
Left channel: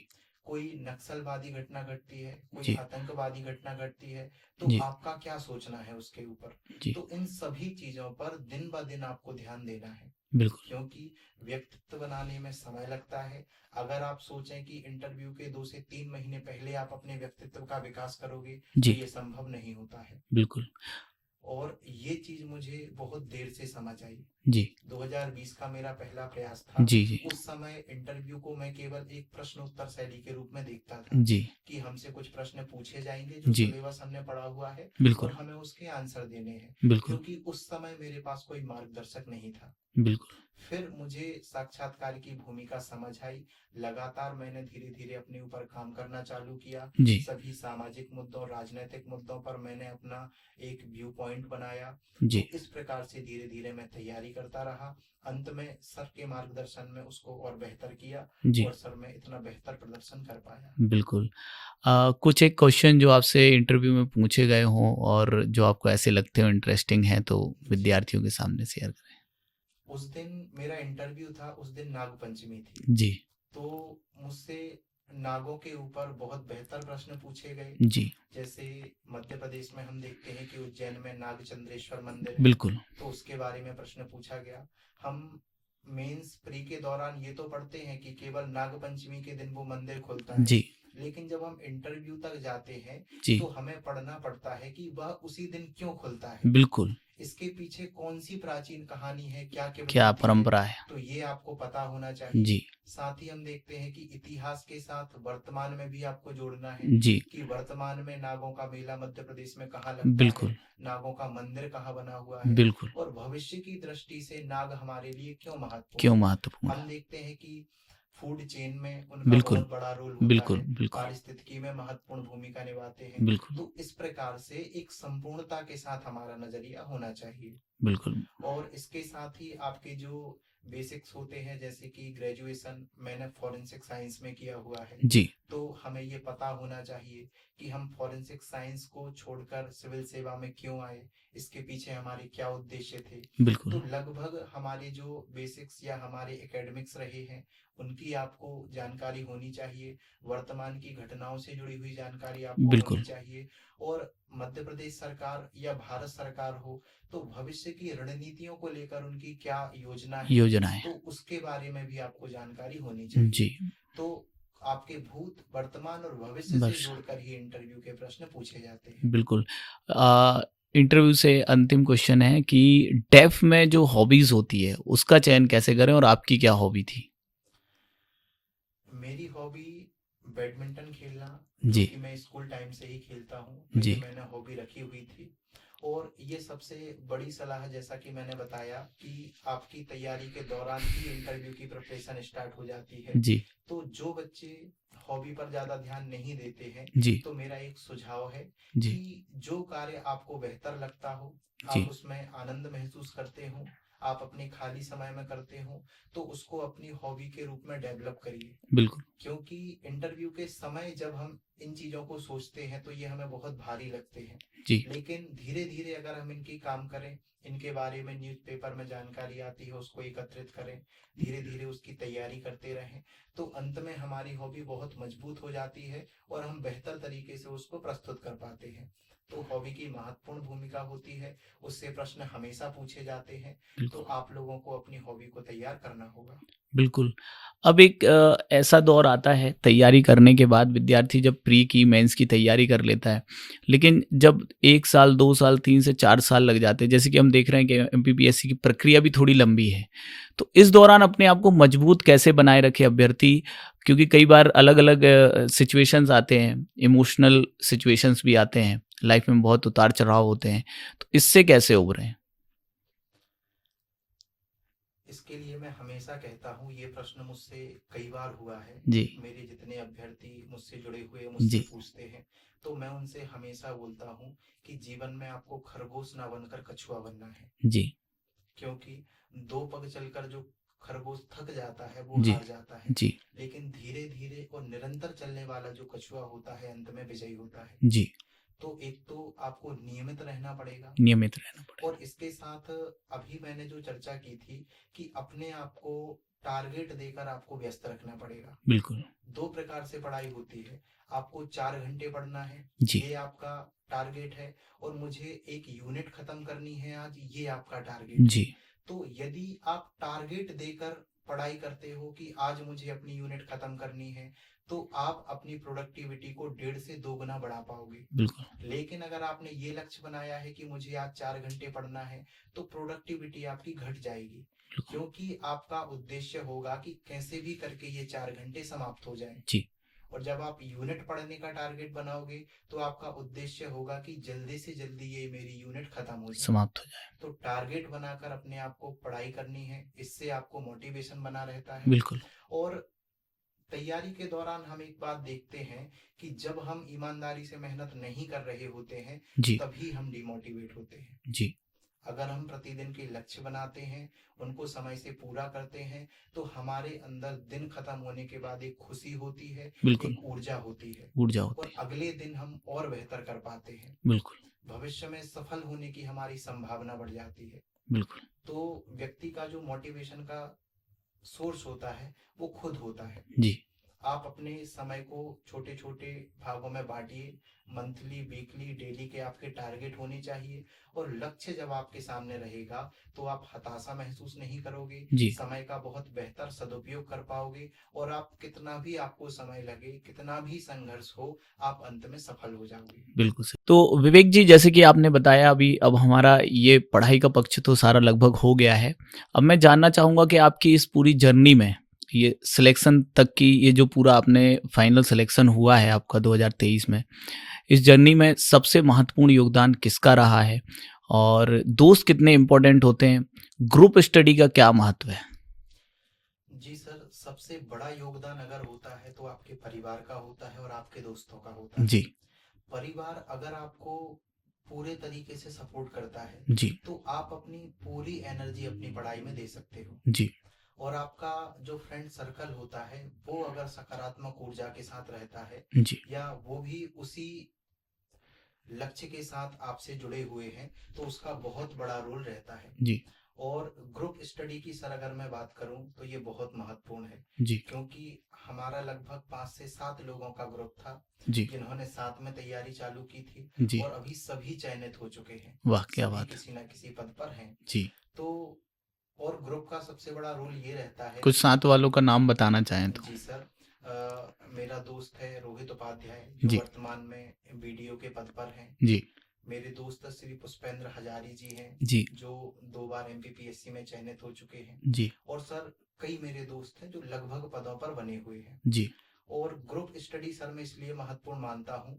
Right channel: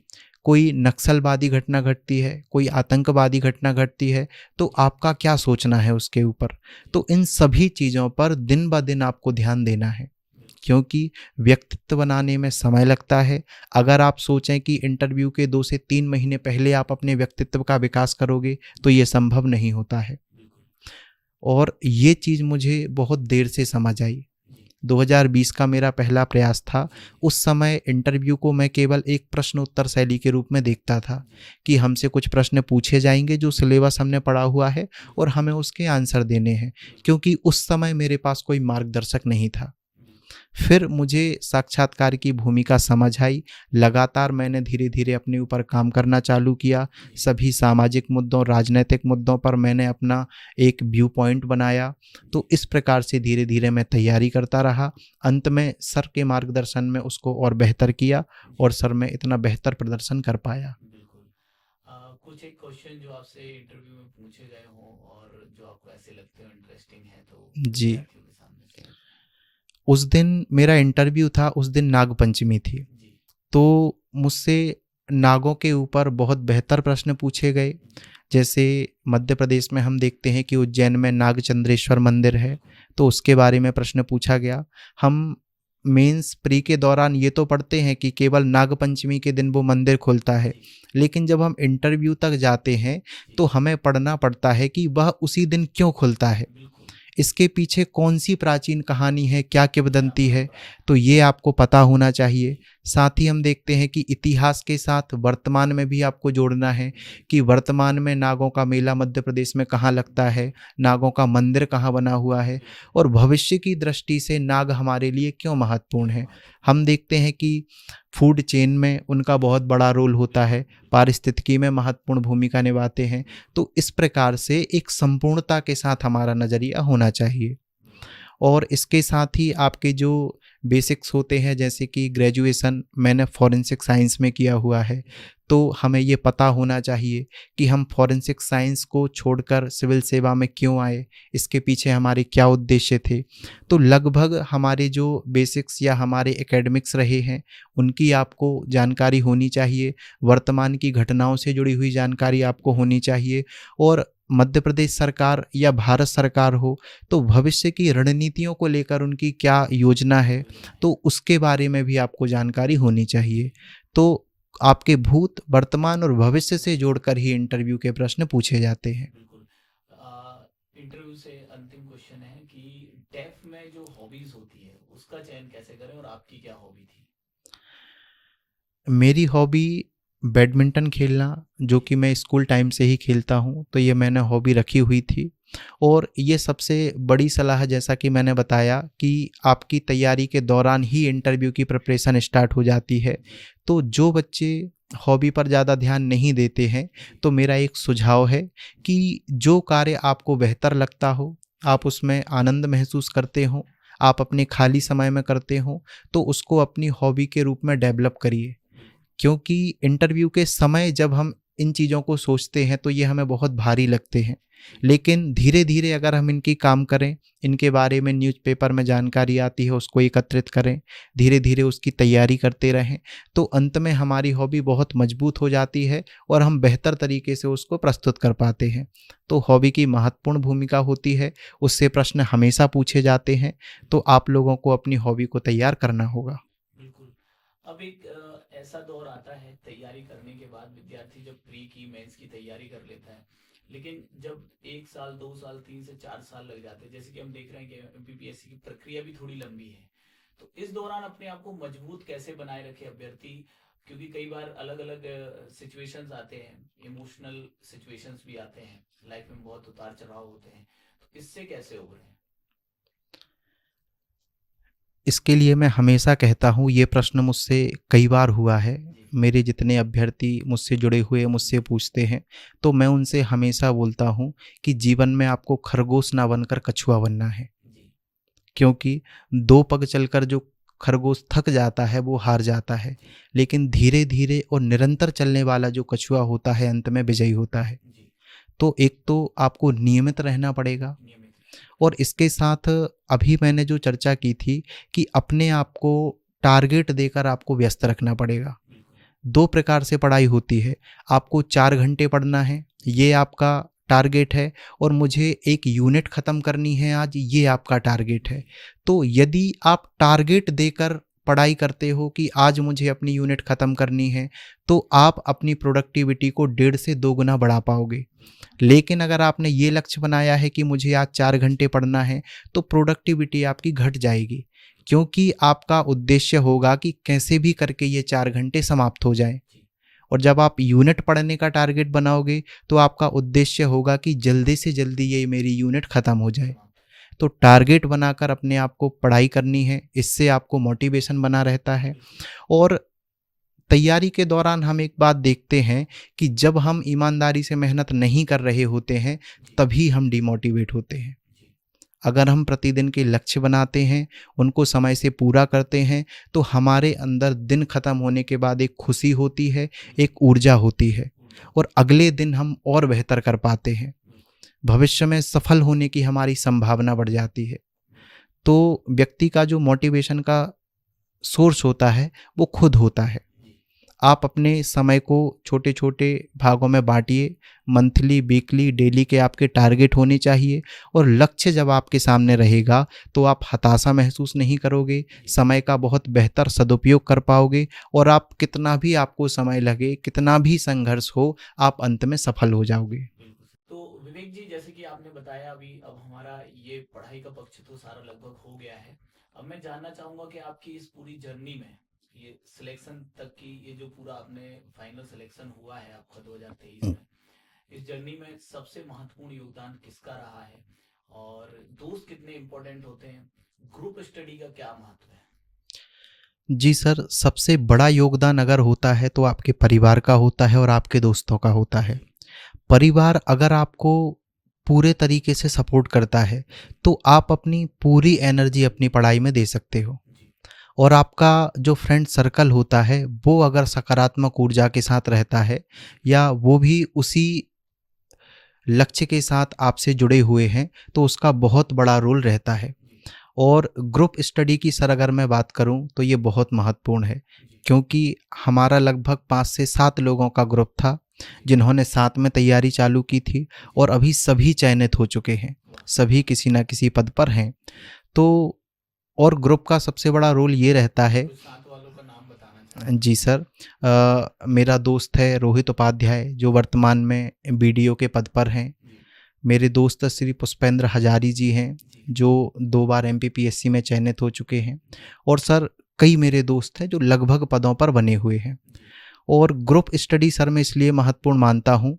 कोई नक्सलवादी घटना घटती है, कोई जी, आतंकवादी घटना घटती है, तो जी, आपका क्या सोचना है उसके ऊपर। जी, तो इन सभी चीज़ों पर दिन ब दिन आपको ध्यान देना है, बिल्कुल, क्योंकि व्यक्तित्व बनाने में समय लगता है। अगर आप सोचें कि इंटरव्यू के 2 से 3 महीने पहले आप अपने व्यक्तित्व का विकास करोगे, तो जी, ये संभव नहीं होता है। बिल्कुल, और ये चीज़ मुझे बहुत देर से समझ आई। जी, 2020 का मेरा पहला प्रयास था। जी, जी, उस समय इंटरव्यू को मैं केवल एक प्रश्न उत्तर शैली के रूप में देखता था, जी, कि हमसे कुछ प्रश्न पूछे जाएंगे जो जी, सिलेबस हमने पढ़ा हुआ है और बिल्कुल, हमें उसके आंसर देने हैं, बिल्कुल, क्योंकि उस समय मेरे पास कोई मार्गदर्शक नहीं था। बिल्कुल, फिर मुझे साक्षात्कार की भूमिका समझ आई। लगातार मैंने धीरे धीरे अपने ऊपर काम करना चालू किया। जी, सभी सामाजिक मुद्दों, राजनीतिक मुद्दों पर मैंने अपना एक व्यू पॉइंट बनाया। जी, तो इस प्रकार से धीरे धीरे मैं तैयारी करता रहा। अंत में सर के मार्गदर्शन में उसको और बेहतर किया, जी, और सर मैं इतना बेहतर प्रदर्शन कर पाया। बिल्कुल। कुछ एक क्वेश्चन जो आपसे इंटरव्यू में पूछे गए हों और जो आपको ऐसे लगते हो इंटरेस्टिंग हैं, तो जी, विद्यार्थियों के सामने शेयर करें? उस दिन मेरा इंटरव्यू था, उस दिन नाग पंचमी थी। जी, तो मुझसे नागों के ऊपर बहुत बेहतर प्रश्न पूछे गए। जी, जैसे मध्य प्रदेश में हम देखते हैं कि उज्जैन में नागचंद्रेश्वर मंदिर है, बिल्कुल, तो उसके बारे में प्रश्न पूछा गया। हम मेंस प्री के दौरान ये तो पढ़ते हैं कि केवल नागपंचमी के दिन वो मंदिर खुलता है, जी, लेकिन जब हम इंटरव्यू तक जाते हैं जी, तो हमें पढ़ना पड़ता है कि वह उसी दिन क्यों खुलता है, बिल्कुल, इसके पीछे कौन सी प्राचीन कहानी है, क्या क्या किंवदंती है। परंपरा है? तो ये आपको पता होना चाहिए। जी, साथ ही हम देखते हैं कि इतिहास के साथ वर्तमान में भी आपको जोड़ना है, जी, कि वर्तमान में नागों का मेला मध्य प्रदेश में कहाँ लगता है, बिल्कुल, नागों का मंदिर कहाँ बना हुआ है, बिल्कुल, और भविष्य की दृष्टि से नाग हमारे लिए क्यों महत्वपूर्ण क्यों है। महत्वपूर्ण हम है? देखते हैं कि फूड चेन में उनका बहुत बिल्कुल, बड़ा रोल होता बिल्कुल, है, बिल्कुल, पारिस्थितिकी में महत्वपूर्ण भूमिका निभाते हैं। बिल्कुल, तो इस प्रकार से एक संपूर्णता के साथ हमारा नज़रिया होना चाहिए। बिल्कुल, और इसके साथ ही आपके जो बेसिक्स होते हैं, जैसे कि ग्रेजुएशन मैंने फॉरेंसिक साइंस में किया हुआ है, जी, तो हमें ये पता होना चाहिए कि हम फॉरेंसिक साइंस को छोड़कर सिविल सेवा में क्यों आए, इसके पीछे हमारे क्या उद्देश्य थे। बिल्कुल, तो लगभग हमारे जो बेसिक्स या हमारे एकेडमिक्स रहे हैं, उनकी आपको जानकारी होनी चाहिए। वर्तमान की घटनाओं से जुड़ी हुई जानकारी आपको होनी बिल्कुल, चाहिए। और मध्य प्रदेश सरकार या भारत सरकार हो, तो भविष्य की रणनीतियों को लेकर उनकी क्या योजना है, योजनाएँ, तो उसके बारे में भी आपको जानकारी होनी चाहिए। जी, तो आपके भूत, वर्तमान और भविष्य से बस, जोड़कर ही इंटरव्यू के प्रश्न पूछे जाते हैं। बिल्कुल। इंटरव्यू से अंतिम क्वेश्चन है कि डेफ में जो हॉबीज़ होती है, उसका चयन कैसे करें और आपकी क्या हॉबी थी? मेरी हॉबी बैडमिंटन खेलना, जो जी, कि मैं स्कूल टाइम से ही खेलता हूँ, तो ये जी, मैंने हॉबी रखी हुई थी। और ये सबसे बड़ी सलाह, जैसा कि मैंने बताया, कि आपकी तैयारी के दौरान ही इंटरव्यू की प्रिपरेशन स्टार्ट हो जाती है। जी, तो जो बच्चे हॉबी पर ज़्यादा ध्यान नहीं देते हैं, जी, तो मेरा एक सुझाव है जी, कि जो कार्य आपको बेहतर लगता हो, आप जी, उसमें आनंद महसूस करते हो, आप अपने खाली समय में करते हो, तो उसको अपनी हॉबी के रूप में डेवलप करिए। बिल्कुल, क्योंकि इंटरव्यू के समय जब हम इन चीज़ों को सोचते हैं तो ये हमें बहुत भारी लगते हैं, जी लेकिन धीरे धीरे अगर हम इनकी काम करें, इनके बारे में न्यूज़पेपर में जानकारी आती है उसको एकत्रित करें, धीरे धीरे उसकी तैयारी करते रहें, तो अंत में हमारी हॉबी बहुत मजबूत हो जाती है और हम बेहतर तरीके से उसको प्रस्तुत कर पाते हैं। तो हॉबी की महत्वपूर्ण भूमिका होती है, उससे प्रश्न हमेशा पूछे जाते हैं, तो आप लोगों को अपनी हॉबी को तैयार करना होगा। बिल्कुल। अब एक ऐसा दौर आता है तैयारी करने के बाद विद्यार्थी जब प्री की मेंस की तैयारी कर लेता है, लेकिन जब 1 साल 2 साल 3 से 4 साल लग जाते हैं, जैसे कि हम देख रहे हैं कि एमपीपीएससी की प्रक्रिया भी थोड़ी लंबी है, तो इस दौरान अपने आप को मजबूत कैसे बनाए रखे अभ्यर्थी? क्योंकि कई बार अलग अलग सिचुएशंस आते हैं, इमोशनल सिचुएशंस भी आते हैं, लाइफ में बहुत उतार चढ़ाव होते हैं, तो इससे कैसे उभरें? इसके लिए मैं हमेशा कहता हूँ, ये प्रश्न मुझसे कई बार हुआ है। जी मेरे जितने अभ्यर्थी मुझसे जुड़े हुए मुझसे जी पूछते हैं, तो मैं उनसे हमेशा बोलता हूँ कि जीवन में आपको खरगोश ना बनकर कछुआ बनना है। जी क्योंकि 2 पग चलकर जो खरगोश थक जाता है वो जी हार जाता है, जी लेकिन धीरे धीरे और निरंतर चलने वाला जो कछुआ होता है अंत में विजयी होता है। जी तो एक तो आपको नियमित रहना पड़ेगा, नियमित रहना और इसके साथ अभी मैंने जो चर्चा की थी कि अपने आप को टारगेट देकर आपको व्यस्त रखना पड़ेगा। बिल्कुल 2 प्रकार से पढ़ाई होती है, आपको 4 घंटे पढ़ना है, जी ये आपका टारगेट है, और मुझे 1 यूनिट ख़त्म करनी है आज, ये आपका टारगेट है। जी तो यदि आप टारगेट देकर पढ़ाई करते हो कि आज मुझे अपनी यूनिट ख़त्म करनी है, तो आप अपनी प्रोडक्टिविटी को 1.5 से 2 गुना बढ़ा पाओगे। बिल्कुल लेकिन अगर आपने ये लक्ष्य बनाया है कि मुझे आज 4 घंटे पढ़ना है, तो प्रोडक्टिविटी आपकी घट जाएगी, क्योंकि आपका उद्देश्य होगा कि कैसे भी करके ये 4 घंटे समाप्त हो जाएं। जी और जब आप यूनिट पढ़ने का टारगेट बनाओगे, तो आपका उद्देश्य होगा कि जल्दी से जल्दी ये मेरी यूनिट ख़त्म हो जाए। समाप्त हो जाए तो टारगेट बनाकर अपने आप को पढ़ाई करनी है, इससे आपको मोटिवेशन बना रहता है। बिल्कुल और तैयारी के दौरान हम एक बात देखते हैं कि जब हम ईमानदारी से मेहनत नहीं कर रहे होते हैं, जी तभी हम डिमोटिवेट होते हैं। जी अगर हम प्रतिदिन के लक्ष्य बनाते हैं, उनको समय से पूरा करते हैं, तो हमारे अंदर दिन ख़त्म होने के बाद एक खुशी होती है, बिल्कुल एक ऊर्जा होती है, ऊर्जा होती और अगले दिन हम और बेहतर कर पाते हैं। है बिल्कुल भविष्य में सफल होने की हमारी संभावना बढ़ जाती है। बिल्कुल तो व्यक्ति का जो मोटिवेशन का सोर्स होता है, वो खुद होता है। जी आप अपने समय को छोटे छोटे भागों में बांटिए, मंथली, वीकली, डेली के आपके टारगेट होने चाहिए, और लक्ष्य जब आपके सामने रहेगा तो आप हताशा महसूस नहीं करोगे, जी समय का बहुत बेहतर सदुपयोग कर पाओगे, और आप कितना भी आपको समय लगे, कितना भी संघर्ष हो, आप अंत में सफल हो जाओगे। बिल्कुल सही। तो विवेक जी, जैसे कि आपने बताया अभी, अब हमारा ये पढ़ाई का पक्ष तो सारा लगभग हो गया है। अब मैं जानना चाहूँगा कि आपकी इस पूरी जर्नी में ये सिलेक्शन तक की, ये जो पूरा आपने फाइनल सिलेक्शन हुआ है आपका 2023 में, इस जर्नी में सबसे महत्वपूर्ण योगदान किसका रहा है? और दोस्त कितने इम्पोर्टेंट होते हैं? ग्रुप स्टडी का क्या महत्व है? जी सर, सबसे बड़ा योगदान अगर होता है तो आपके परिवार का होता है और आपके दोस्तों का होता है। जी परिवार अगर आपको पूरे तरीके से सपोर्ट करता है, जी तो आप अपनी पूरी एनर्जी अपनी पढ़ाई में दे सकते हो। जी और आपका जो फ्रेंड सर्कल होता है, वो अगर सकारात्मक ऊर्जा के साथ रहता है, जी या वो भी उसी लक्ष्य के साथ आपसे जुड़े हुए हैं, तो उसका बहुत बड़ा रोल रहता है। जी और ग्रुप स्टडी की सर अगर मैं बात करूं, तो ये बहुत महत्वपूर्ण है, जी क्योंकि हमारा लगभग 5 से 7 लोगों का ग्रुप था, जी जिन्होंने साथ में तैयारी चालू की थी, जी और अभी सभी चयनित हो चुके हैं, वाह, क्या सभी बात किसी ना किसी पद पर हैं। जी। तो और ग्रुप का सबसे बड़ा रोल ये रहता है। कुछ साथ वालों का नाम बताना चाहें तो? जी सर, मेरा दोस्त है रोहित उपाध्याय, जो जी वर्तमान में बीडीओ के पद पर हैं। जी मेरे दोस्त श्री पुष्पेंद्र हजारी जी हैं, जी जो 2 बार एमपीपीएससी में चयनित हो चुके हैं। जी और सर, कई मेरे दोस्त हैं जो लगभग पदों पर बने हुए हैं। जी और ग्रुप स्टडी सर मैं इसलिए महत्वपूर्ण मानता हूँ,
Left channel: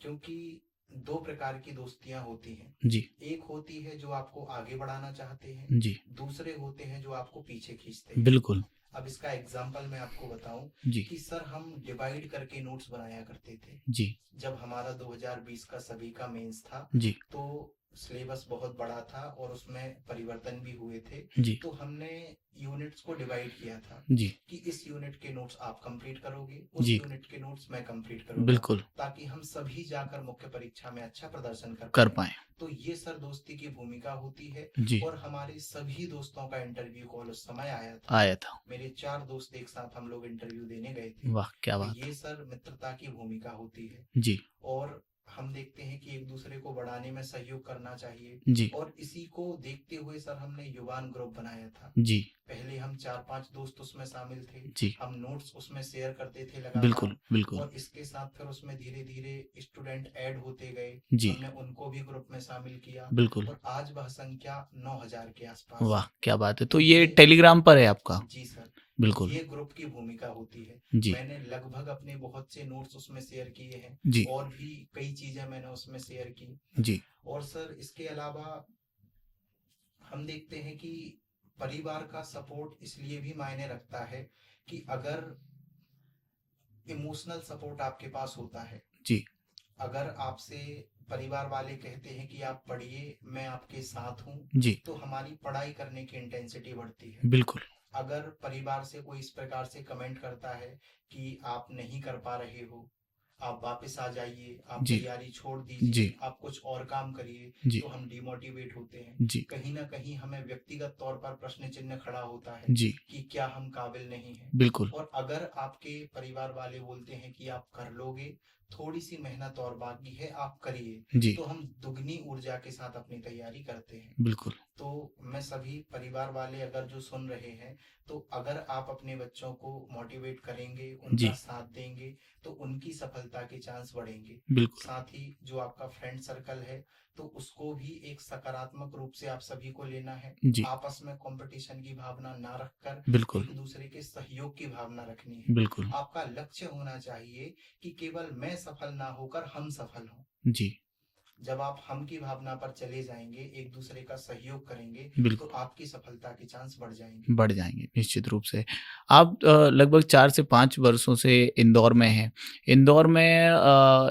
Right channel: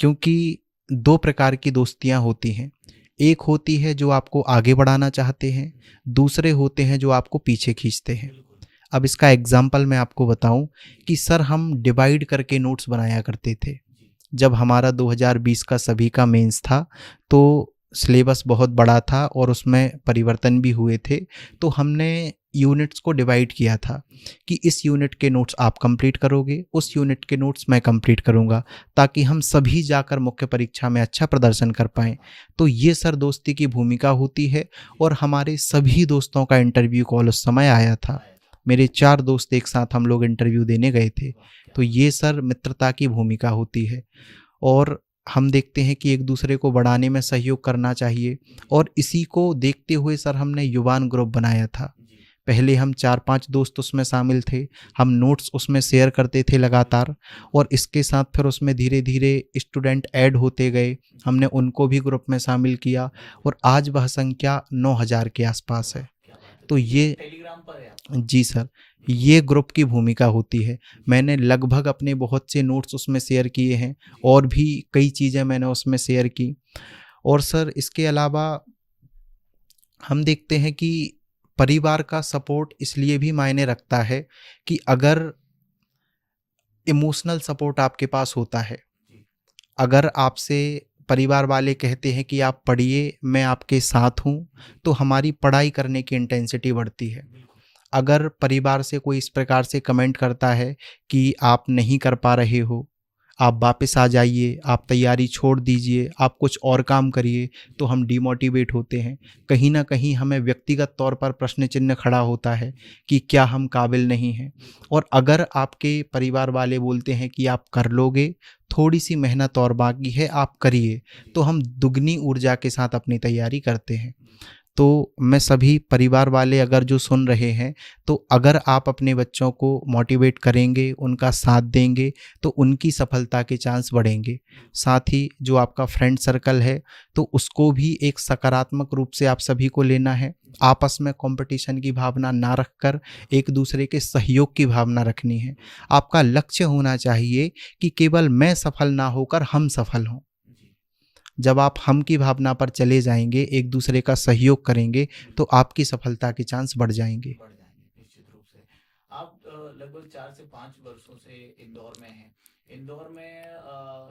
क्योंकि 2 प्रकार की दोस्तियाँ होती हैं। जी एक होती है जो आपको आगे बढ़ाना चाहते हैं, जी दूसरे होते हैं जो आपको पीछे खींचते हैं। बिल्कुल अब इसका एग्जाम्पल मैं आपको बताऊं जी कि सर, हम डिवाइड करके नोट्स बनाया करते थे। जी जब हमारा 2020 का सभी का मेंस था, जी तो सिलेबस बहुत बड़ा था और उसमें परिवर्तन भी हुए थे। जी तो हमने यूनिट्स को डिवाइड किया था जी कि इस यूनिट के नोट्स आप कंप्लीट करोगे, उस जी यूनिट के नोट्स मैं कंप्लीट करूंगा, बिल्कुल ताकि हम सभी जाकर मुख्य परीक्षा में अच्छा प्रदर्शन कर कर पाएं। पाए तो ये सर दोस्ती की भूमिका होती है। जी और हमारे सभी दोस्तों का इंटरव्यू कॉल उस समय आया था। आया था। मेरे 4 दोस्त एक साथ हम लोग इंटरव्यू देने गए थे। वाह क्या तो बात ये सर मित्रता की भूमिका होती है। जी और हम देखते हैं कि एक दूसरे को बढ़ाने में सहयोग करना चाहिए। जी और इसी को देखते हुए सर हमने युवान ग्रुप बनाया था। जी पहले हम 4-5 दोस्त उसमें शामिल थे। जी हम नोट्स उसमें शेयर करते थे लगातार। बिल्कुल बिल्कुल और इसके साथ फिर उसमें धीरे धीरे स्टूडेंट ऐड होते गए। जी हमने उनको भी ग्रुप में शामिल किया बिल्कुल और आज वह संख्या 9000 के आसपास है। वाह क्या बात है। तो तो ये ये टेलीग्राम पर है आपका? जी सर, बिल्कुल ये ग्रुप की भूमिका होती है। जी मैंने लगभग अपने बहुत से नोट्स उसमें शेयर किए हैं जी और भी कई चीज़ें मैंने उसमें शेयर की। जी और सर इसके अलावा हम देखते हैं कि परिवार का सपोर्ट इसलिए भी मायने रखता है कि अगर इमोशनल सपोर्ट आपके पास होता है, जी अगर आपसे परिवार वाले कहते हैं कि आप पढ़िए, मैं आपके साथ हूँ, जी तो हमारी पढ़ाई करने की इंटेंसिटी बढ़ती है। बिल्कुल अगर परिवार से कोई इस प्रकार से कमेंट करता है कि आप नहीं कर पा रहे हो, आप वापस आ जाइए, आप जी तैयारी छोड़ दीजिए, जी आप कुछ और काम करिए, जी तो हम डिमोटिवेट होते हैं। जी कहीं ना कहीं हमें व्यक्तिगत तौर पर प्रश्न चिन्ह खड़ा होता है जी कि क्या हम काबिल नहीं हैं। बिल्कुल और अगर आपके परिवार वाले बोलते हैं कि आप कर लोगे, थोड़ी सी मेहनत और बाकी है, आप करिए, जी तो हम दुगनी ऊर्जा के साथ अपनी तैयारी करते हैं। बिल्कुल तो मैं सभी परिवार वाले अगर जो सुन रहे हैं, तो अगर आप अपने बच्चों को मोटिवेट करेंगे, उनका जी साथ देंगे, तो उनकी सफलता के चांस बढ़ेंगे। बिल्कुल साथ ही जो आपका फ्रेंड सर्कल है, तो उसको भी एक सकारात्मक रूप से आप सभी को लेना है। जी आपस में कंपटीशन की भावना ना रखकर बिल्कुल एक दूसरे के सहयोग की भावना रखनी है। बिल्कुल आपका लक्ष्य होना चाहिए कि केवल मैं सफल ना होकर हम सफल हों। जी जब आप हम की भावना पर चले जाएंगे, एक दूसरे का सहयोग करेंगे, तो बिल्कुल आपकी सफलता के चांस बढ़ जाएंगे। बढ़ जाएंगे निश्चित रूप से। आप लगभग 4 से 5 वर्षों से इंदौर में हैं। इंदौर में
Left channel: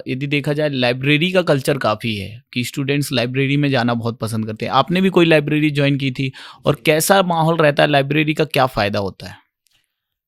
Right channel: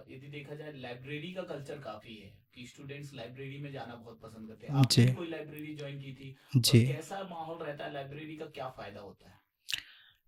यदि देखा जाए लाइब्रेरी का कल्चर काफ़ी है कि स्टूडेंट्स लाइब्रेरी में जाना बहुत पसंद करते हैं। आपने जी भी कोई लाइब्रेरी जॉइन की थी? और जी। कैसा माहौल रहता है? लाइब्रेरी का क्या फ़ायदा होता है?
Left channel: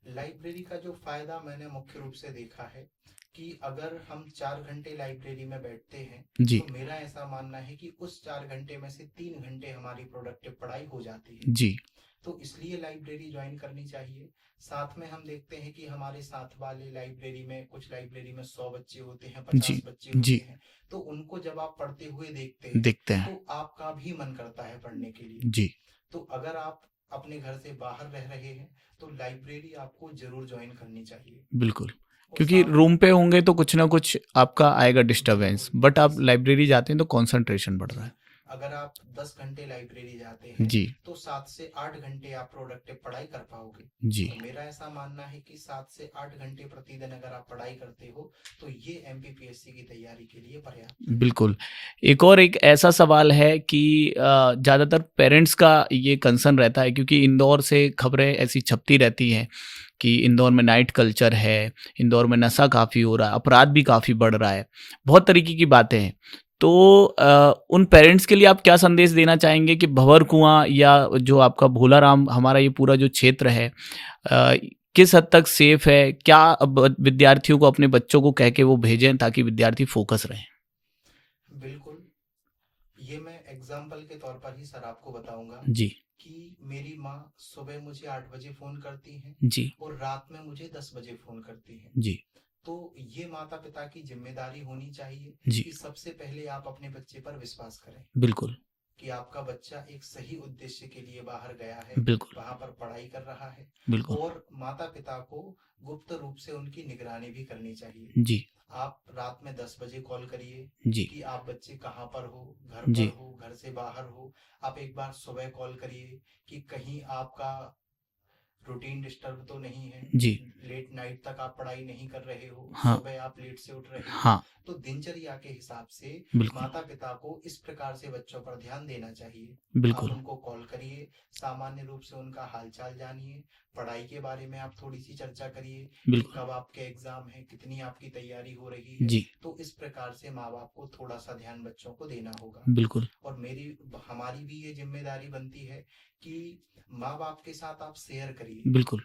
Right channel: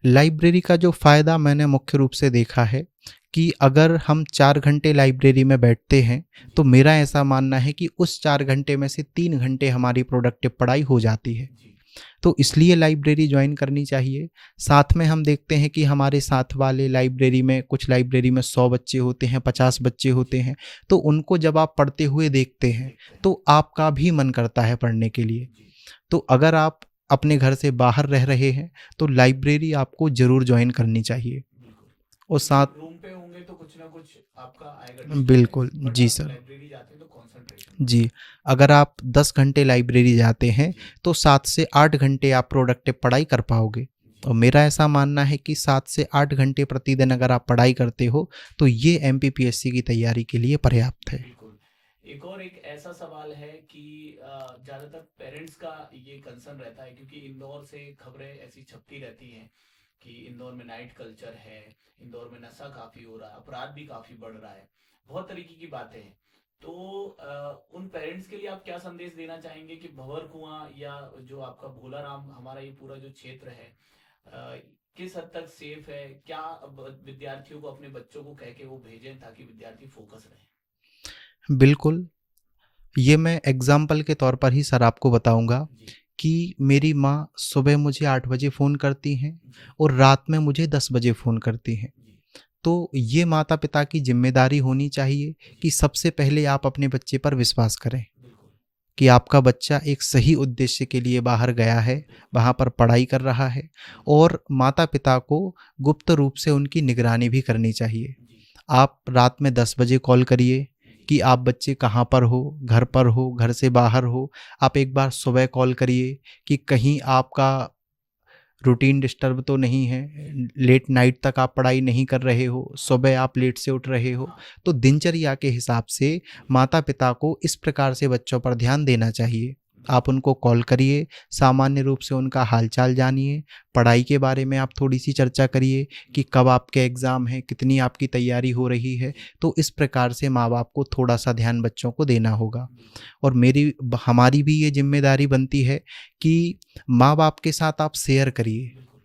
लाइब्रेरी का जो फ़ायदा मैंने मुख्य रूप से देखा है कि अगर हम 4 घंटे लाइब्रेरी में बैठते हैं, जी तो मेरा ऐसा मानना है कि उस 4 घंटे में से 3 घंटे हमारी प्रोडक्टिव पढ़ाई हो जाती है। जी तो इसलिए लाइब्रेरी ज्वाइन करनी चाहिए। साथ में हम देखते हैं कि हमारे साथ वाले लाइब्रेरी में, कुछ लाइब्रेरी में 100 बच्चे होते हैं, 50 जी बच्चे होते जी हैं। तो उनको जब आप पढ़ते हुए देखते हैं, देखते हैं। तो आपका भी मन करता है पढ़ने के लिए। जी तो अगर आप अपने घर से बाहर रह रहे हैं, तो लाइब्रेरी आपको ज़रूर ज्वाइन करनी चाहिए। बिल्कुल। और क्योंकि साथ रूम पे होंगे तो कुछ ना कुछ आपका आएगा डिस्टरबेंस, बिल्कुल, बट जी आप सर। लाइब्रेरी जाते हैं तो कंसंट्रेशन बढ़ता जी, अगर आप 10 घंटे लाइब्रेरी जाते है। हैं, जी तो 7 से 8 घंटे आप प्रोडक्टिव पढ़ाई कर पाओगे। जी और मेरा ऐसा मानना है कि 7 से 8 घंटे प्रतिदिन अगर आप पढ़ाई करते हो, तो ये एमपीपीएससी की तैयारी के लिए पर्याप्त है। बिल्कुल। एक ऐसा सवाल है कि ज़्यादातर पेरेंट्स का ये कंसर्न रहता है क्योंकि इंदौर से खबरें ऐसी छपती रहती हैं कि इंदौर में नाइट कल्चर है, इंदौर में नशा काफ़ी हो रहा है, अपराध भी काफ़ी बढ़ रहा है, बहुत तरीके की बातें हैं। तो उन पेरेंट्स के लिए आप क्या संदेश देना चाहेंगे कि भंवर कुआँ या जो आपका भोलाराम, हमारा ये पूरा जो क्षेत्र है, अ, किस हद तक सेफ है? क्या अब विद्यार्थियों को, अपने बच्चों को कह के वो भेजें ताकि विद्यार्थी फोकस रहें? बिल्कुल, ये मैं एग्ज़ाम्पल के तौर पर ही सर आपको बताऊँगा जी, कि मेरी माँ सुबह मुझे 8 बजे फ़ोन करती हैं जी, और रात में मुझे 10 बजे फ़ोन करती हैं। जी, तो ये माता-पिता की ज़िम्मेदारी होनी चाहिए जी, कि सबसे पहले आप अपने बच्चे पर विश्वास करें बिल्कुल, कि आपका बच्चा एक सही उद्देश्य के लिए बाहर गया है, बिल्कुल, वहाँ पर पढ़ाई कर रहा है। बिल्कुल। और माता-पिता को गुप्त रूप से उनकी निगरानी भी करनी चाहिए। जी, आप रात में 10 बजे कॉल करिए जी, कि आप बच्चे कहाँ पर हो, घर पर जी, हो, घर से बाहर हो। आप एक बार सुबह कॉल करिए कि कहीं आपका रूटीन डिस्टर्ब तो नहीं है, जी, लेट नाइट तक आप पढ़ाई नहीं कर रहे हो, हाँ, सुबह आप लेट से उठ रहे हो। हाँ, तो दिनचर्या के हिसाब से बिल्कुल, माता-पिता को इस प्रकार से बच्चों पर ध्यान देना चाहिए। आप बिल्कुल, उनको कॉल करिए, सामान्य रूप से उनका हालचाल जानिए, पढ़ाई के बारे में आप थोड़ी-सी चर्चा करिए कि बिल्कुल। कब आपके एग्ज़ाम हैं, कितनी आपकी तैयारी हो रही है। जी, तो इस प्रकार से माँ-बाप को थोड़ा-सा ध्यान बच्चों को देना होगा। बिल्कुल, और हमारी भी ये ज़िम्मेदारी बनती है कि माँ-बाप के साथ आप शेयर करिए। बिल्कुल।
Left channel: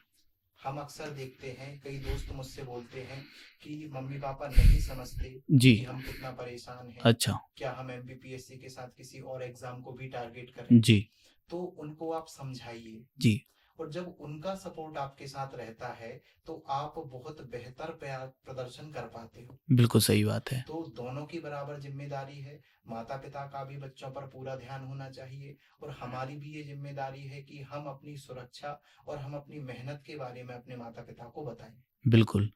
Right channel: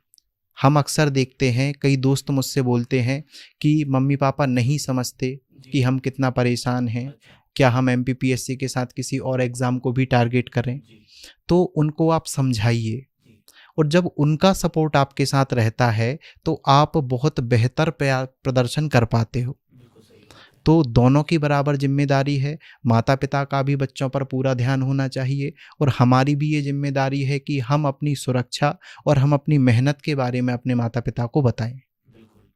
हम अक्सर देखते हैं, कई दोस्त मुझसे बोलते हैं कि मम्मी-पापा नहीं समझते जी, कि हम कितना परेशान हैं। अच्छा। क्या हम एमपीपीएससी के साथ किसी और एग्ज़ाम को भी टारगेट करें? जी, तो उनको आप समझाइए। जी, और जब उनका सपोर्ट आपके साथ रहता है, तो आप बहुत बेहतर प्रदर्शन कर पाते हो। बिल्कुल सही बात है। तो दोनों की बराबर ज़िम्मेदारी है, माता-पिता का भी बच्चों पर पूरा ध्यान होना चाहिए और हमारी भी ये ज़िम्मेदारी है कि हम अपनी सुरक्षा और हम अपनी मेहनत के बारे में अपने माता-पिता को बताएँ। बिल्कुल।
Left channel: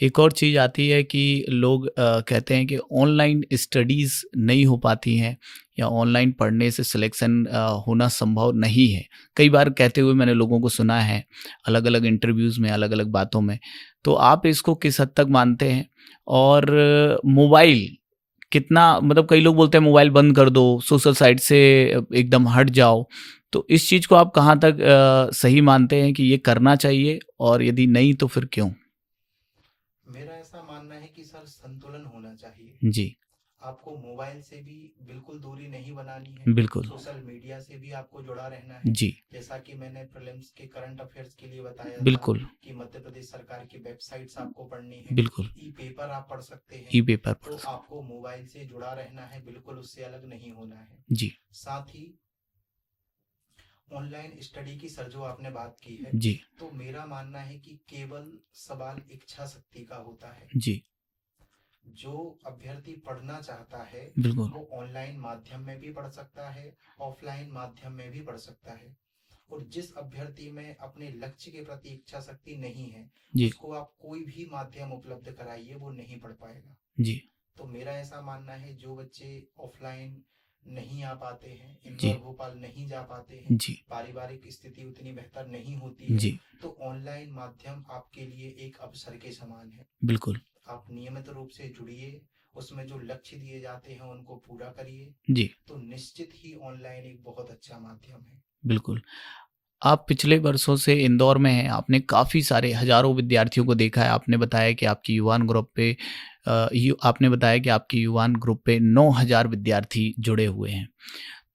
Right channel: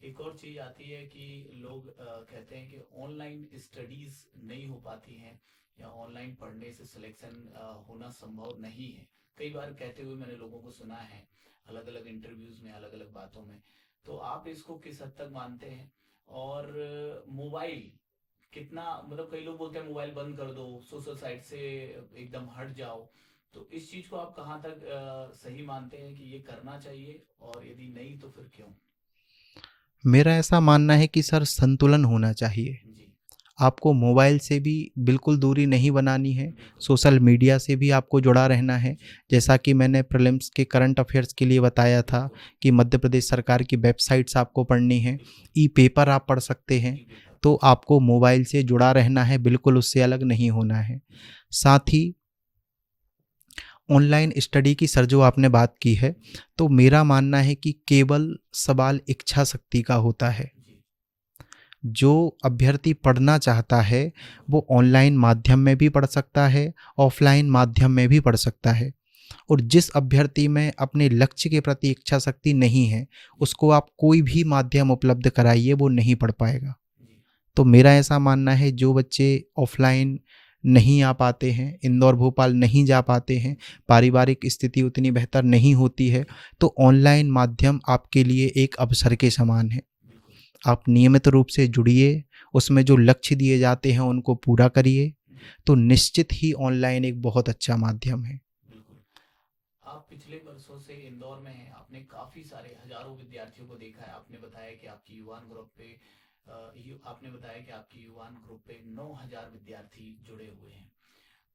एक और चीज़ आती है कि लोग कहते हैं कि ऑनलाइन स्टडीज़ नहीं हो पाती हैं या ऑनलाइन पढ़ने से सिलेक्शन होना संभव नहीं है। कई बार कहते हुए मैंने लोगों को सुना है, अलग-अलग इंटरव्यूज़ में, अलग-अलग बातों में। तो आप इसको किस हद तक मानते हैं? और मोबाइल कितना मतलब कई लोग बोलते हैं मोबाइल बंद कर दो, सोशल साइट से एकदम हट जाओ। तो इस चीज़ को आप कहाँ तक सही मानते हैं कि ये करना चाहिए और यदि नहीं तो फिर क्यों? मेरा ऐसा मानना है कि सर संतुलन होना चाहिए। जी, आपको मोबाइल से भी बिल्कुल दूरी नहीं बनानी है, बिल्कुल। सोशल मीडिया से भी आपको जुड़ा रहना है। जी, जैसा कि मैंने प्रीलिम्स के करंट अफेयर्स के लिए बताया था बिल्कुल, कि मध्य प्रदेश सरकार की वेबसाइट्स आपको पढ़नी है, बिल्कुल। ई-पेपर आप पढ़ सकते हैं। ई-पेपर तो पढ़ सकते आपको मोबाइल से जुड़ा रहना है, बिल्कुल उससे अलग नहीं होना है। जी, साथ ही ऑनलाइन स्टडी की सर जो आपने बात की है, जी, तो मेरा मानना है कि केवल सवाल इच्छा शक्ति का होता है। जी, जो अभ्यर्थी पढ़ना चाहता है, बिल्कुल। वो ऑनलाइन माध्यम में भी पढ़ सकता है, ऑफ़लाइन माध्यम में भी पढ़ सकता है। और जिस अभ्यर्थी में अपने लक्ष्य के प्रति इच्छा शक्ति नहीं है, जी, उसको आप कोई भी माध्यम उपलब्ध कराइए, वो नहीं पढ़ पाएगा। जी, तो मेरा ऐसा मानना है जो बच्चे ऑफ़लाइन नहीं आ पाते हैं, इंदौर जी, भोपाल नहीं जा पाते हैं, जी, पारिवारिक स्थिति उतनी बेहतर नहीं होती है, जी, तो ऑनलाइन माध्यम आपके लिए एक अवसर के समान है। बिल्कुल। आप नियमित रूप से जुड़िए, उसमें जो लक्ष्य दिए जाते हैं उनको पूरा करिए, जी, तो निश्चित ही ऑनलाइन एक बहुत अच्छा माध्यम है। बिल्कुल। आप पिछले वर्षों से इंदौर में हैं, आपने काफ़ी सारे हज़ारों विद्यार्थियों को देखा है। आपने बताया कि आपकी युवान ग्रुप पे आपने बताया कि आपकी युवान ग्रुप पे 9000 विद्यार्थी जुड़े हुए हैं।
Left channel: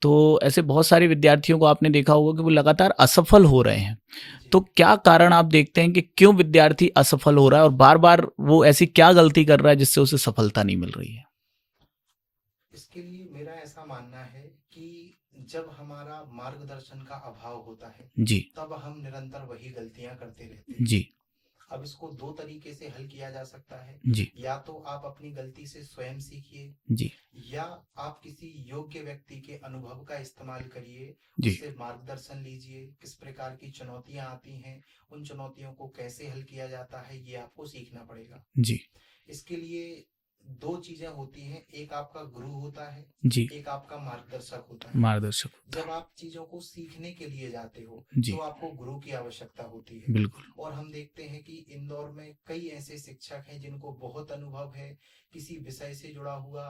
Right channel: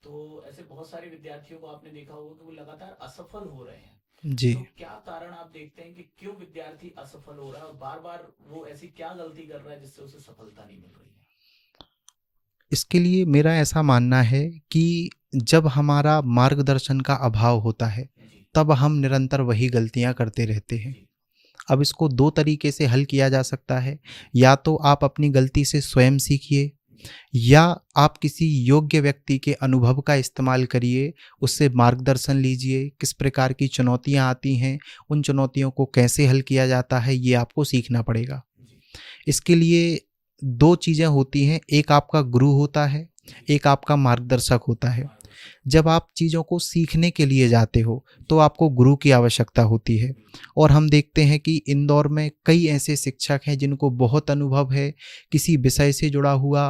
तो ऐसे बहुत सारे विद्यार्थियों को आपने देखा होगा कि वो लगातार असफल हो रहे हैं। जी, तो क्या कारण आप देखते हैं कि क्यों विद्यार्थी असफल हो रहा है और बार-बार वो ऐसी क्या गलती कर रहा है जिससे उसे सफलता नहीं मिल रही है? इसके लिए मेरा ऐसा मानना है कि जब हमारा मार्गदर्शन का अभाव होता है, जी, तब हम निरंतर वही गलतियाँ करते रहते हैं। जी, अब इसको 2 तरीके से हल किया जा सकता है, जी, या तो आप अपनी गलती से स्वयं सीखिए जी, या आप किसी योग्य व्यक्ति के अनुभव का इस्तेमाल करिए, जी, उससे मार्गदर्शन लीजिए, किस प्रकार की चुनौतियाँ आती हैं, उन चुनौतियों को कैसे हल किया जाता है, ये आपको सीखना पड़ेगा। जी, इसके लिए 2 चीज़ें होती हैं, एक आपका गुरु होता है, जी, एक आपका मार्गदर्शक होता है। मार्गदर्शक। जब आप चीज़ों को सीखने के लिए जाते हो, तो जी, आपको गुरु की आवश्यकता होती है। बिल्कुल। और हम देखते हैं कि इंदौर में कई ऐसे शिक्षक हैं जिनको बहुत अनुभव है, किसी विषय से जुड़ा हुआ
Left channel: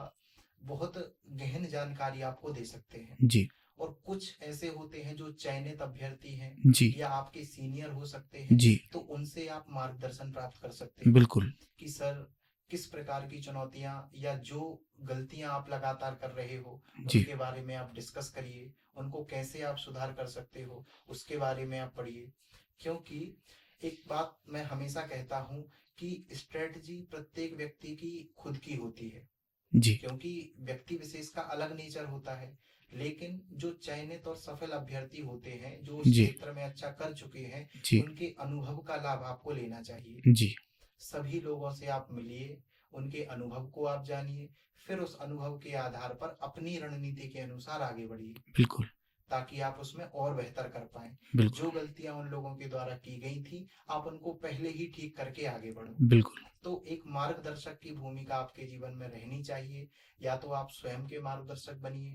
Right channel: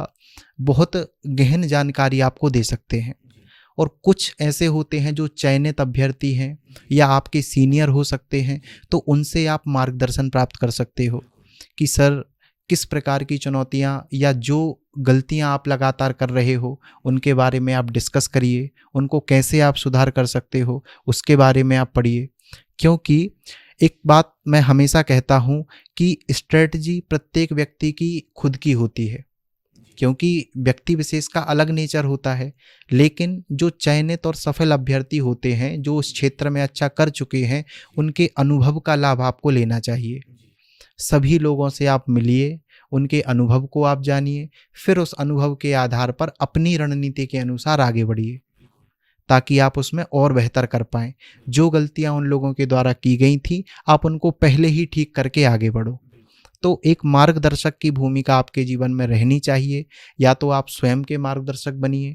बहुत गहन जानकारी आपको दे सकते हैं। जी, और कुछ ऐसे होते हैं जो चयनित अभ्यर्थी हैं जी, या आपके सीनियर हो सकते हैं, जी, तो उनसे आप मार्गदर्शन प्राप्त कर सकते हो बिल्कुल। कि सर किस प्रकार की चुनौतियाँ या जो गलतियाँ आप लगातार कर रहे हो, जी, उनके बारे में आप डिस्कस करिए, उनको कैसे आप सुधार कर सकते हो, उसके बारे में आप पढ़िए। क्योंकि एक बात मैं हमेशा कहता हूँ कि स्ट्रेटजी प्रत्येक व्यक्ति की खुद की होती है, जी, क्योंकि व्यक्ति विशेष का अलग नेचर होता है। लेकिन जो चयनित और सफल अभ्यर्थी होते हैं, जो उस जी, क्षेत्र में अच्छा कर चुके हैं, जी, उनके अनुभव का लाभ आपको लेना चाहिए। जी, सभी लोगों से आप मिलिए, उनके अनुभव को आप जानिए, फिर उस अनुभव के आधार पर अपनी रणनीति के अनुसार आगे बढ़िए, बिल्कुल, ताकि आप उसमें और बेहतर कर पाएँ। बिल्कुल, जो गलतियाँ उन लोगों के द्वारा की गई थी, आप उनको पहले ही ठीक करके आगे बढ़ो। बिल्कुल। तो एक मार्गदर्शक की भूमिका आपके जीवन में रहनी चाहिए, या तो आप स्वयं के मार्गदर्शक बनिए,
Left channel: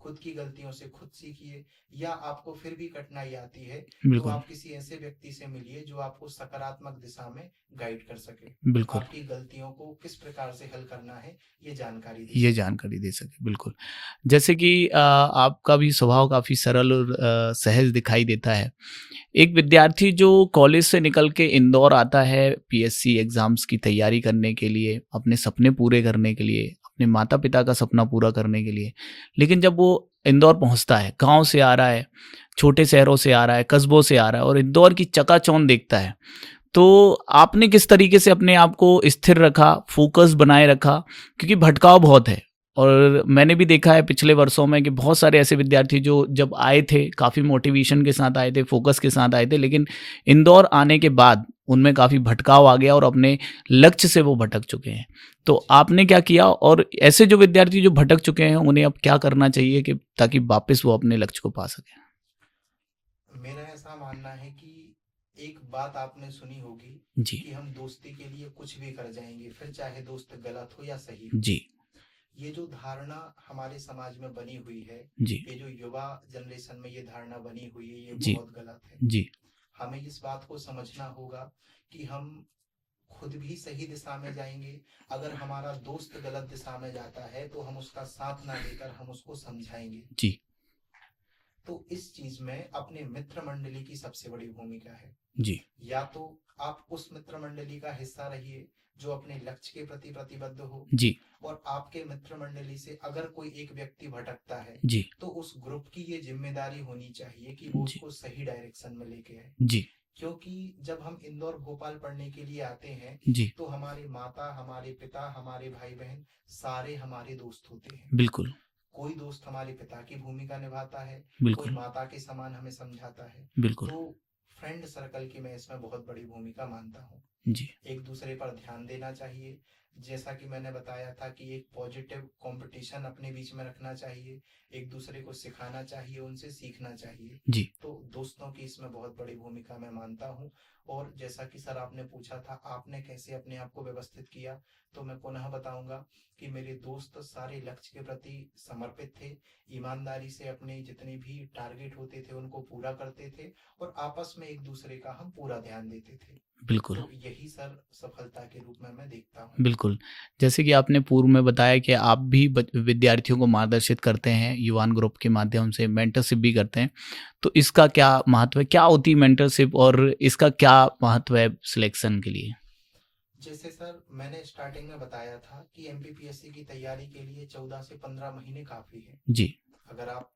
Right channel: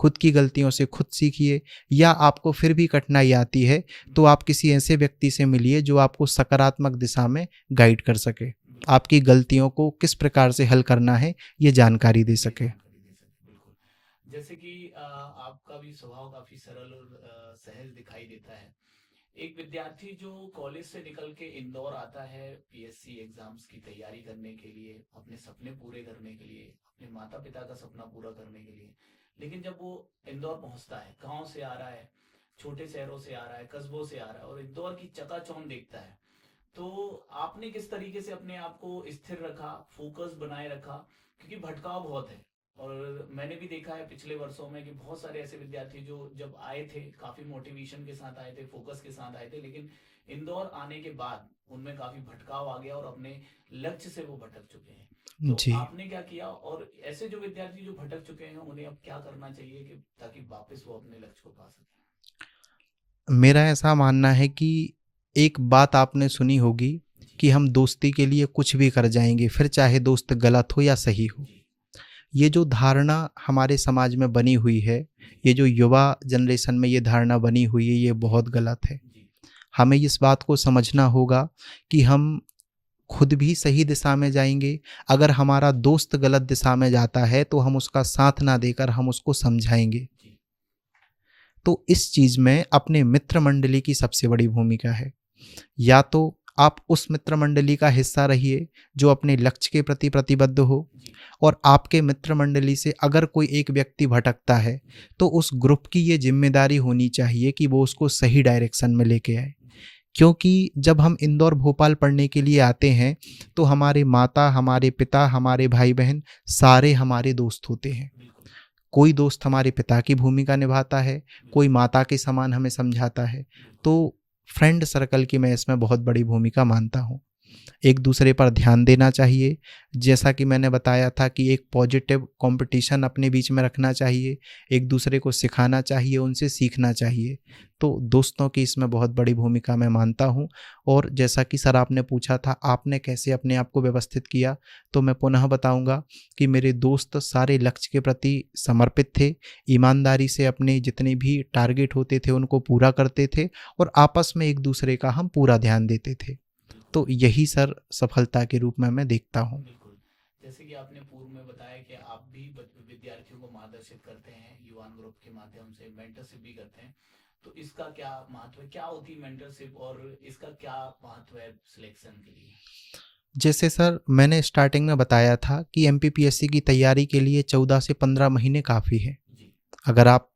खुद की गलतियों से खुद सीखिए, या आपको फिर भी कठिनाई आती है तो बिल्कुल, आप किसी ऐसे व्यक्ति से मिलिए जो आपको सकारात्मक दिशा में गाइड कर सके, बिल्कुल। आपकी गलतियों को किस प्रकार से हल करना है ये जानकारी दे ये सके। जानकारी दे सके, बिल्कुल। जैसे कि आपका भी स्वभाव काफ़ी सरल और सहज दिखाई देता है। एक विद्यार्थी जो कॉलेज से निकल के इंदौर आता है पीएससी एग्ज़ाम्स की तैयारी करने के लिए, अपने सपने पूरे करने के लिए, अपने माता-पिता का सपना पूरा करने के लिए, लेकिन जब वो इंदौर पहुँचता है, गाँव से आ रहा है, छोटे शहरों से आ रहा है, कस्बों से आ रहा है और इंदौर की चकाचौंध देखता है, तो आपने किस तरीके से अपने आप को स्थिर रखा, फ़ोकस बनाए रखा? क्योंकि भटकाव बहुत है और मैंने भी देखा है पिछले वर्षों में कि बहुत सारे ऐसे विद्यार्थी जो जब आए थे, काफ़ी मोटिवेशन के साथ आए थे, फ़ोकस के साथ आए थे, लेकिन इंदौर आने के बाद उनमें काफ़ी भटकाव आ गया और अपने लक्ष्य से वो भटक चुके हैं। तो जी, आपने क्या किया और ऐसे जो विद्यार्थी जो भटक चुके हैं, उन्हें अब क्या करना चाहिए कि ताकि वापस वो अपने लक्ष्य को पा सकें? मेरा ऐसा मानना है कि एक बात आपने सुनी होगी जी, कि हम दोस्ती के लिए कुछ भी कर जाएंगे, फिर चाहे दोस्त गलत हो या सही हो। जी, ये जो धारणा हमारे समाज में बनी हुई है, जी, ये जो युवा जनरेशन में ये धारणा बनी हुई है, ये जी, बहुत गलत है। जी, हमें इस बात को समझना होगा कि हम खुद भी सही दिशा में जाएंगे। अगर हमारा दोस्त गलत दिशा में जाता है तो हम उसका साथ ना देकर हम उसको समझाएंगे। जी, तो इस चीज़ में अपने मित्र मंडली की सबसे बड़ी भूमिका है। जी, या तो आप उस मित्र मंडली का हिस्सा रहिए जो अपने लक्ष्य के प्रति प्रतिबद्ध हो, जी, और आपके मित्र मंडली से अगर कोई एक व्यक्ति भटकता है जी, तो उस ग्रुप की ये जिम्मेदारी होनी चाहिए कि वो जी, उसको सही डायरेक्शन में लेके आए। जी, क्योंकि जब हम इंदौर भोपाल पढ़ने के लिए आते हैं जी, तो हमारे माता, हमारे पिता, हमारे भाई बहन सारे हमारे दोस्त होते हैं। बिल्कुल, कोई दोस्त हमारे पिता की भूमिका निभाता है, कोई बिल्कुल, माता के समान हमें समझाता है। बिल्कुल, तो फ्रेंड सर्कल की मैं इसमें बहुत बड़ी भूमिका मानता हूँ। जी, एक दूसरे पर ध्यान देना चाहिए। जैसा कि मैंने बताया था कि एक पॉजिटिव कंपटीशन अपने बीच में रखना चाहिए, एक दूसरे को सिखाना चाहिए, उनसे सीखना चाहिए। जी, तो दोस्तों की इसमें बहुत बड़ी भूमिका मैं मानता हूँ। और जैसा कि सर आपने पूछा था आपने कैसे अपने आप को व्यवस्थित किया, तो मैं पुनः बताऊँगा कि मेरे दोस्त सारे लक्ष्य के प्रति समर्पित थे, ईमानदारी से अपने जितने भी टारगेट होते थे उनको पूरा करते थे, और आपस में एक दूसरे का हम पूरा ध्यान देते थे। बिल्कुल, तो यही सर सफलता के रूप में मैं देखता हूँ। बिल्कुल। जैसे कि आपने पूर्व में बताया कि आप भी विद्यार्थियों को मार्गदर्शित करते हैं, युवान ग्रुप के माध्यम से मेंटरशिप भी करते हैं। तो इसका क्या महत्व है? क्या होती है मेंटरशिप और इसका क्या महत्व है सिलेक्शन के लिए? जैसे सर मैंने स्टार्टिंग में बताया था कि एमपीपीएससी की तैयारी के लिए 14 से 15 महीने काफ़ी है। जी, अगर आप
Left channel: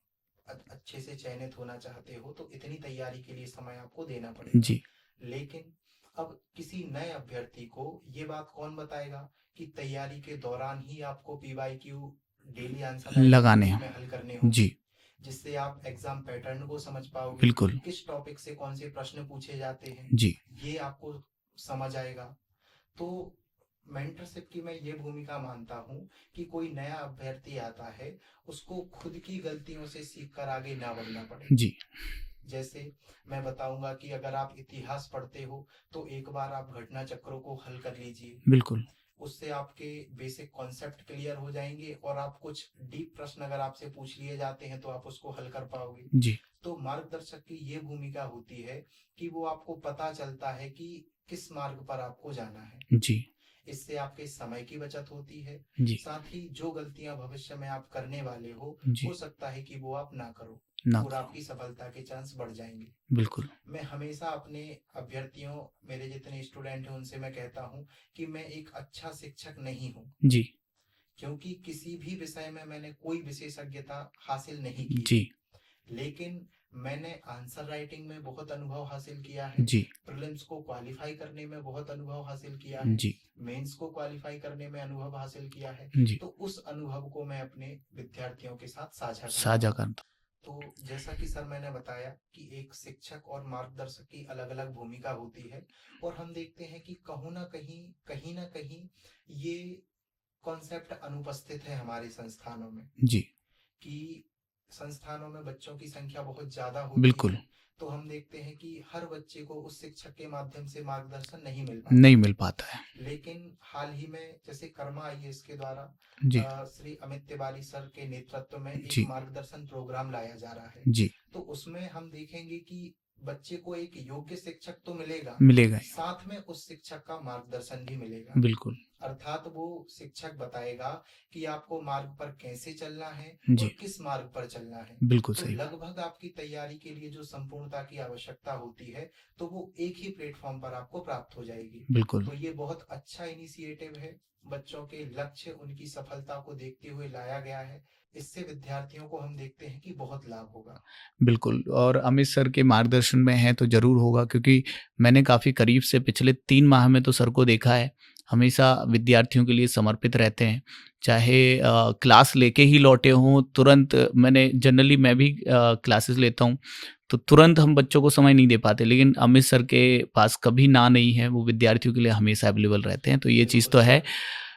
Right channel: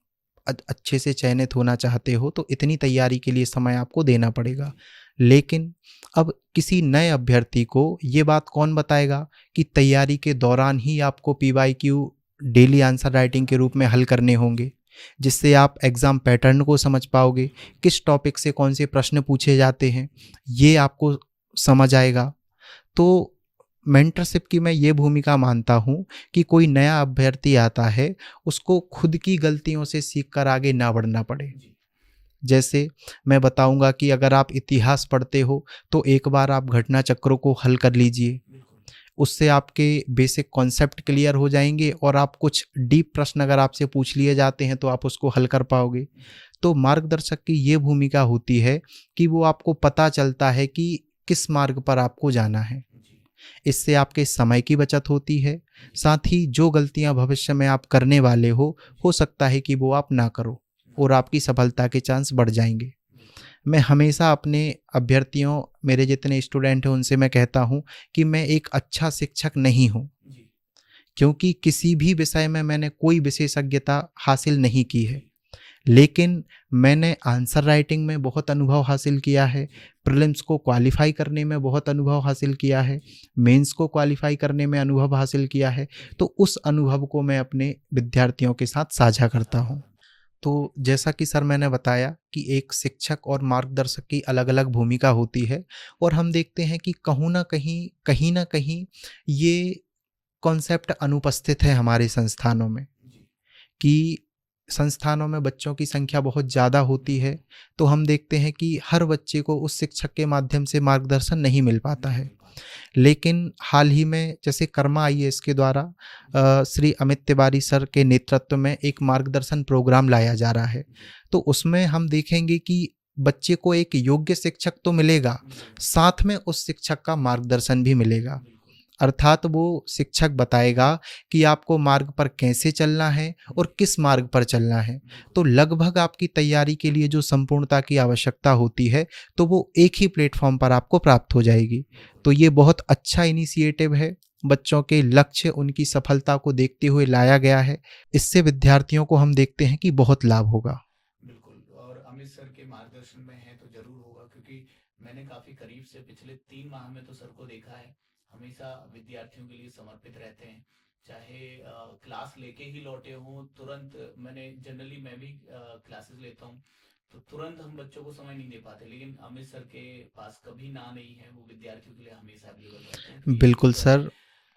अच्छे से चयनित होना चाहते हो तो इतनी तैयारी के लिए समय आपको देना पड़ेगा। जी, लेकिन अब किसी नए अभ्यर्थी को ये बात कौन बताएगा कि तैयारी के दौरान ही आपको पीवाईक्यू डेली आंसर राइटिंग के लगाने रूप हैं। में हल करने होंगे, जी, जिससे आप एग्ज़ाम पैटर्न को समझ पाओगे, बिल्कुल, किस टॉपिक से कौन से प्रश्न पूछे जाते हैं, जी, ये आपको समझ आएगा। तो मेंटरशिप की मैं ये भूमिका मानता हूँ कि कोई नया अभ्यर्थी आता है, उसको खुद की गलतियों से सीख कर आगे ना बढ़ना पड़े। जी, जैसे मैं बताऊंगा कि अगर आप इतिहास पढ़ते हो तो एक बार आप घटना चक्रों को हल कर लीजिए, बिल्कुल, उससे आपके बेसिक कॉन्सेप्ट क्लियर हो जाएंगे, और आप कुछ डीप प्रश्न अगर आपसे पूछ लिए जाते हैं तो आप उसको हल कर पाओगे। जी, तो मार्गदर्शक की ये भूमिका होती है कि वो आपको पता चलता है कि किस मार्ग पर आपको जाना है। जी, इससे आपके समय की बचत होती है, जी, साथ ही जो गलतियां भविष्य में आप करने वाले हो जी, सकता है कि वो आप ना करो, ना और करो, आपकी सफलता के चांस बढ़ जाएंगे। बिल्कुल, मैं हमेशा अपने अभ्यर्थियों, मेरे जितने स्टूडेंट हैं उनसे मैं कहता हूं कि मैं एक अच्छा शिक्षक नहीं हूं, जी, क्योंकि किसी भी विषय में मैंने कोई विशेषज्ञता हासिल नहीं की है। जी, लेकिन मैंने आंसर राइटिंग में बहुत अनुभव हासिल किया है, जी, प्रीलिम्स को क्वालिफाई करने में बहुत अनुभव हासिल किया है, जी, मेंस को क्वालिफाई करने में अनुभव हासिल किया है। जी, तो उस अनुभव को मैं अपने विद्यार्थियों के साथ साझा करता साझा हूँ। करना, तो जैसा कि सर मैंने बताया कि एक शिक्षक और मार्गदर्शक की अलग अलग भूमिका होती है, और हम देखते हैं कि कहीं ना कहीं ये कॉन्सेप्ट अनुपस्थित है हमारे संस्थानों में, जी, कि संस्थानों में बच्चों की संख्या बहुत ज़्यादा होती बिल्कुल। है, तो हम देखते हैं कि हर बच्चे को उस शिक्षक के माध्यम से मार्गदर्शन नहीं मिल पाता नहीं है। मिल पाता है। लेकिन हाल ही में जैसे कर्मा आईएएस के द्वारा जी, श्री अमित तिवारी सर के नेतृत्व में एक जी, मार्गदर्शन प्रोग्राम लाया जा रहा है। जी, तो उसमें हम देखेंगे कि बच्चे को एक योग्य शिक्षक तो मिलेगा, मिलेगा ही। साथ में उस शिक्षक का मार्गदर्शन भी मिलेगा। बिल्कुल, अर्थात वो शिक्षक बताएगा कि आपको मार्ग पर कैसे चलना है और जी, किस मार्ग पर चलना है। बिल्कुल तो सही। लगभग आपकी तैयारी के लिए जो संपूर्णता की आवश्यकता होती है, तो वो एक ही प्लेटफॉर्म पर आपको प्राप्त हो जाएगी। बिल्कुल, तो ये बहुत अच्छा इनिशिएटिव है, बच्चों के लक्ष्य, उनकी सफलता को देखते हुए लाया गया है। इससे विद्यार्थियों को हम देखते हैं कि बहुत लाभ होगा। बिल्कुल। और अमित सर के मार्गदर्शन में हैं तो ज़रूर होगा, क्योंकि मैंने काफ़ी करीब से पिछले 3 माह में तो सर को देखा है। हमेशा विद्यार्थियों के लिए समर्पित रहते हैं। चाहे क्लास लेके ही लौटे हों, तुरंत मैं भी क्लासेस लेता हूँ, तो तुरंत हम बच्चों को समय नहीं दे पाते, लेकिन अमित सर के पास कभी ना नहीं है, वो विद्यार्थियों के लिए हमेशा अवेलेबल रहते हैं। तो ये चीज़ बिल्कुल तो है सर,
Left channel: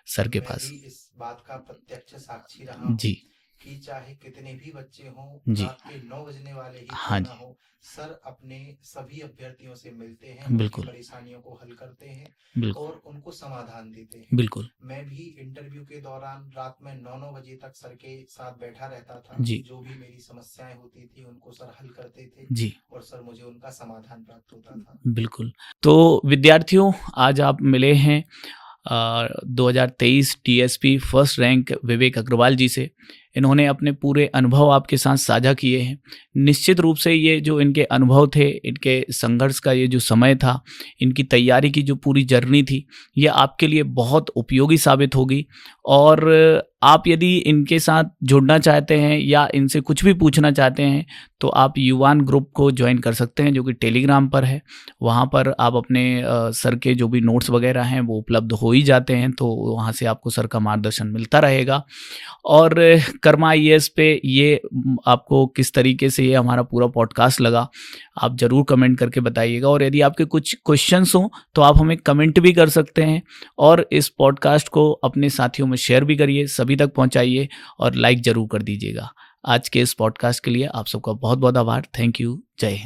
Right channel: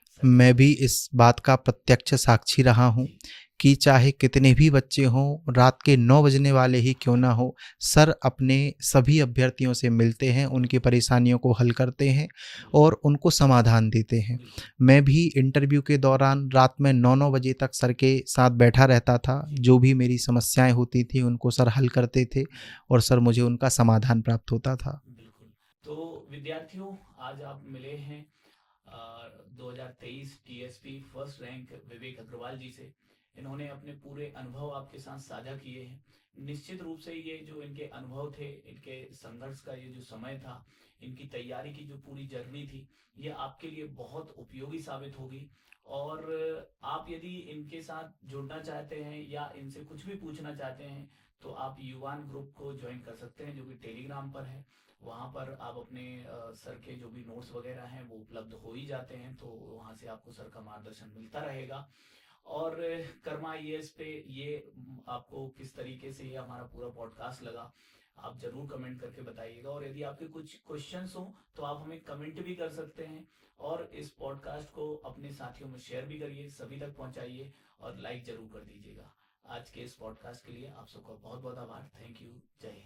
सर के मैं भी पास। इस बात का प्रत्यक्ष साक्षी रहा हूँ जी, कि चाहे कितने भी बच्चे हों, जी। रात के 9 बजने वाले ही क्यों हाँ ना जी, हो, सर अपने सभी अभ्यर्थियों से मिलते हैं, उनकी बिल्कुल, परेशानियों को हल करते हैं बिल्कुल, और उनको समाधान देते हैं। बिल्कुल। मैं भी इंटरव्यू के दौरान रात में 9-9 बजे तक सर के साथ बैठा रहता था। जी, जो भी मेरी समस्याएँ होती थी, उनको सर हल करते थे जी। और सर मुझे उनका समाधान प्राप्त होता था। बिल्कुल। तो विद्यार्थियों, आज आप मिले हैं 2023 टीएसपी फर्स्ट रैंक विवेक अग्रवाल जी से। इन्होंने अपने पूरे अनुभव आपके साथ साझा किए हैं। निश्चित रूप से ये जो इनके अनुभव थे, इनके संघर्ष का ये जो समय था, इनकी तैयारी की जो पूरी जर्नी थी, ये आपके लिए बहुत उपयोगी साबित होगी। और आप यदि इनके साथ जुड़ना चाहते हैं या इनसे कुछ भी पूछना चाहते हैं, तो आप युवान ग्रुप को ज्वाइन कर सकते हैं, जो कि टेलीग्राम पर है। वहाँ पर आप अपने सर के जो भी नोट्स वगैरह हैं वो उपलब्ध हो ही जाते हैं, तो वहाँ से आपको सर का मार्गदर्शन मिलता रहेगा। और कर्मा आईएएस पे ये आपको किस तरीके से ये हमारा पूरा पॉडकास्ट लगा, आप ज़रूर कमेंट करके बताइएगा। और यदि आपके कुछ क्वेश्चंस हों तो आप हमें कमेंट भी कर सकते हैं, और इस पॉडकास्ट को अपने साथियों में शेयर भी करिए, सभी तक पहुँचाइए और लाइक ज़रूर कर दीजिएगा। आज के इस पॉडकास्ट के लिए आप सबका बहुत बहुत आभार। Thank you. जय हिंद।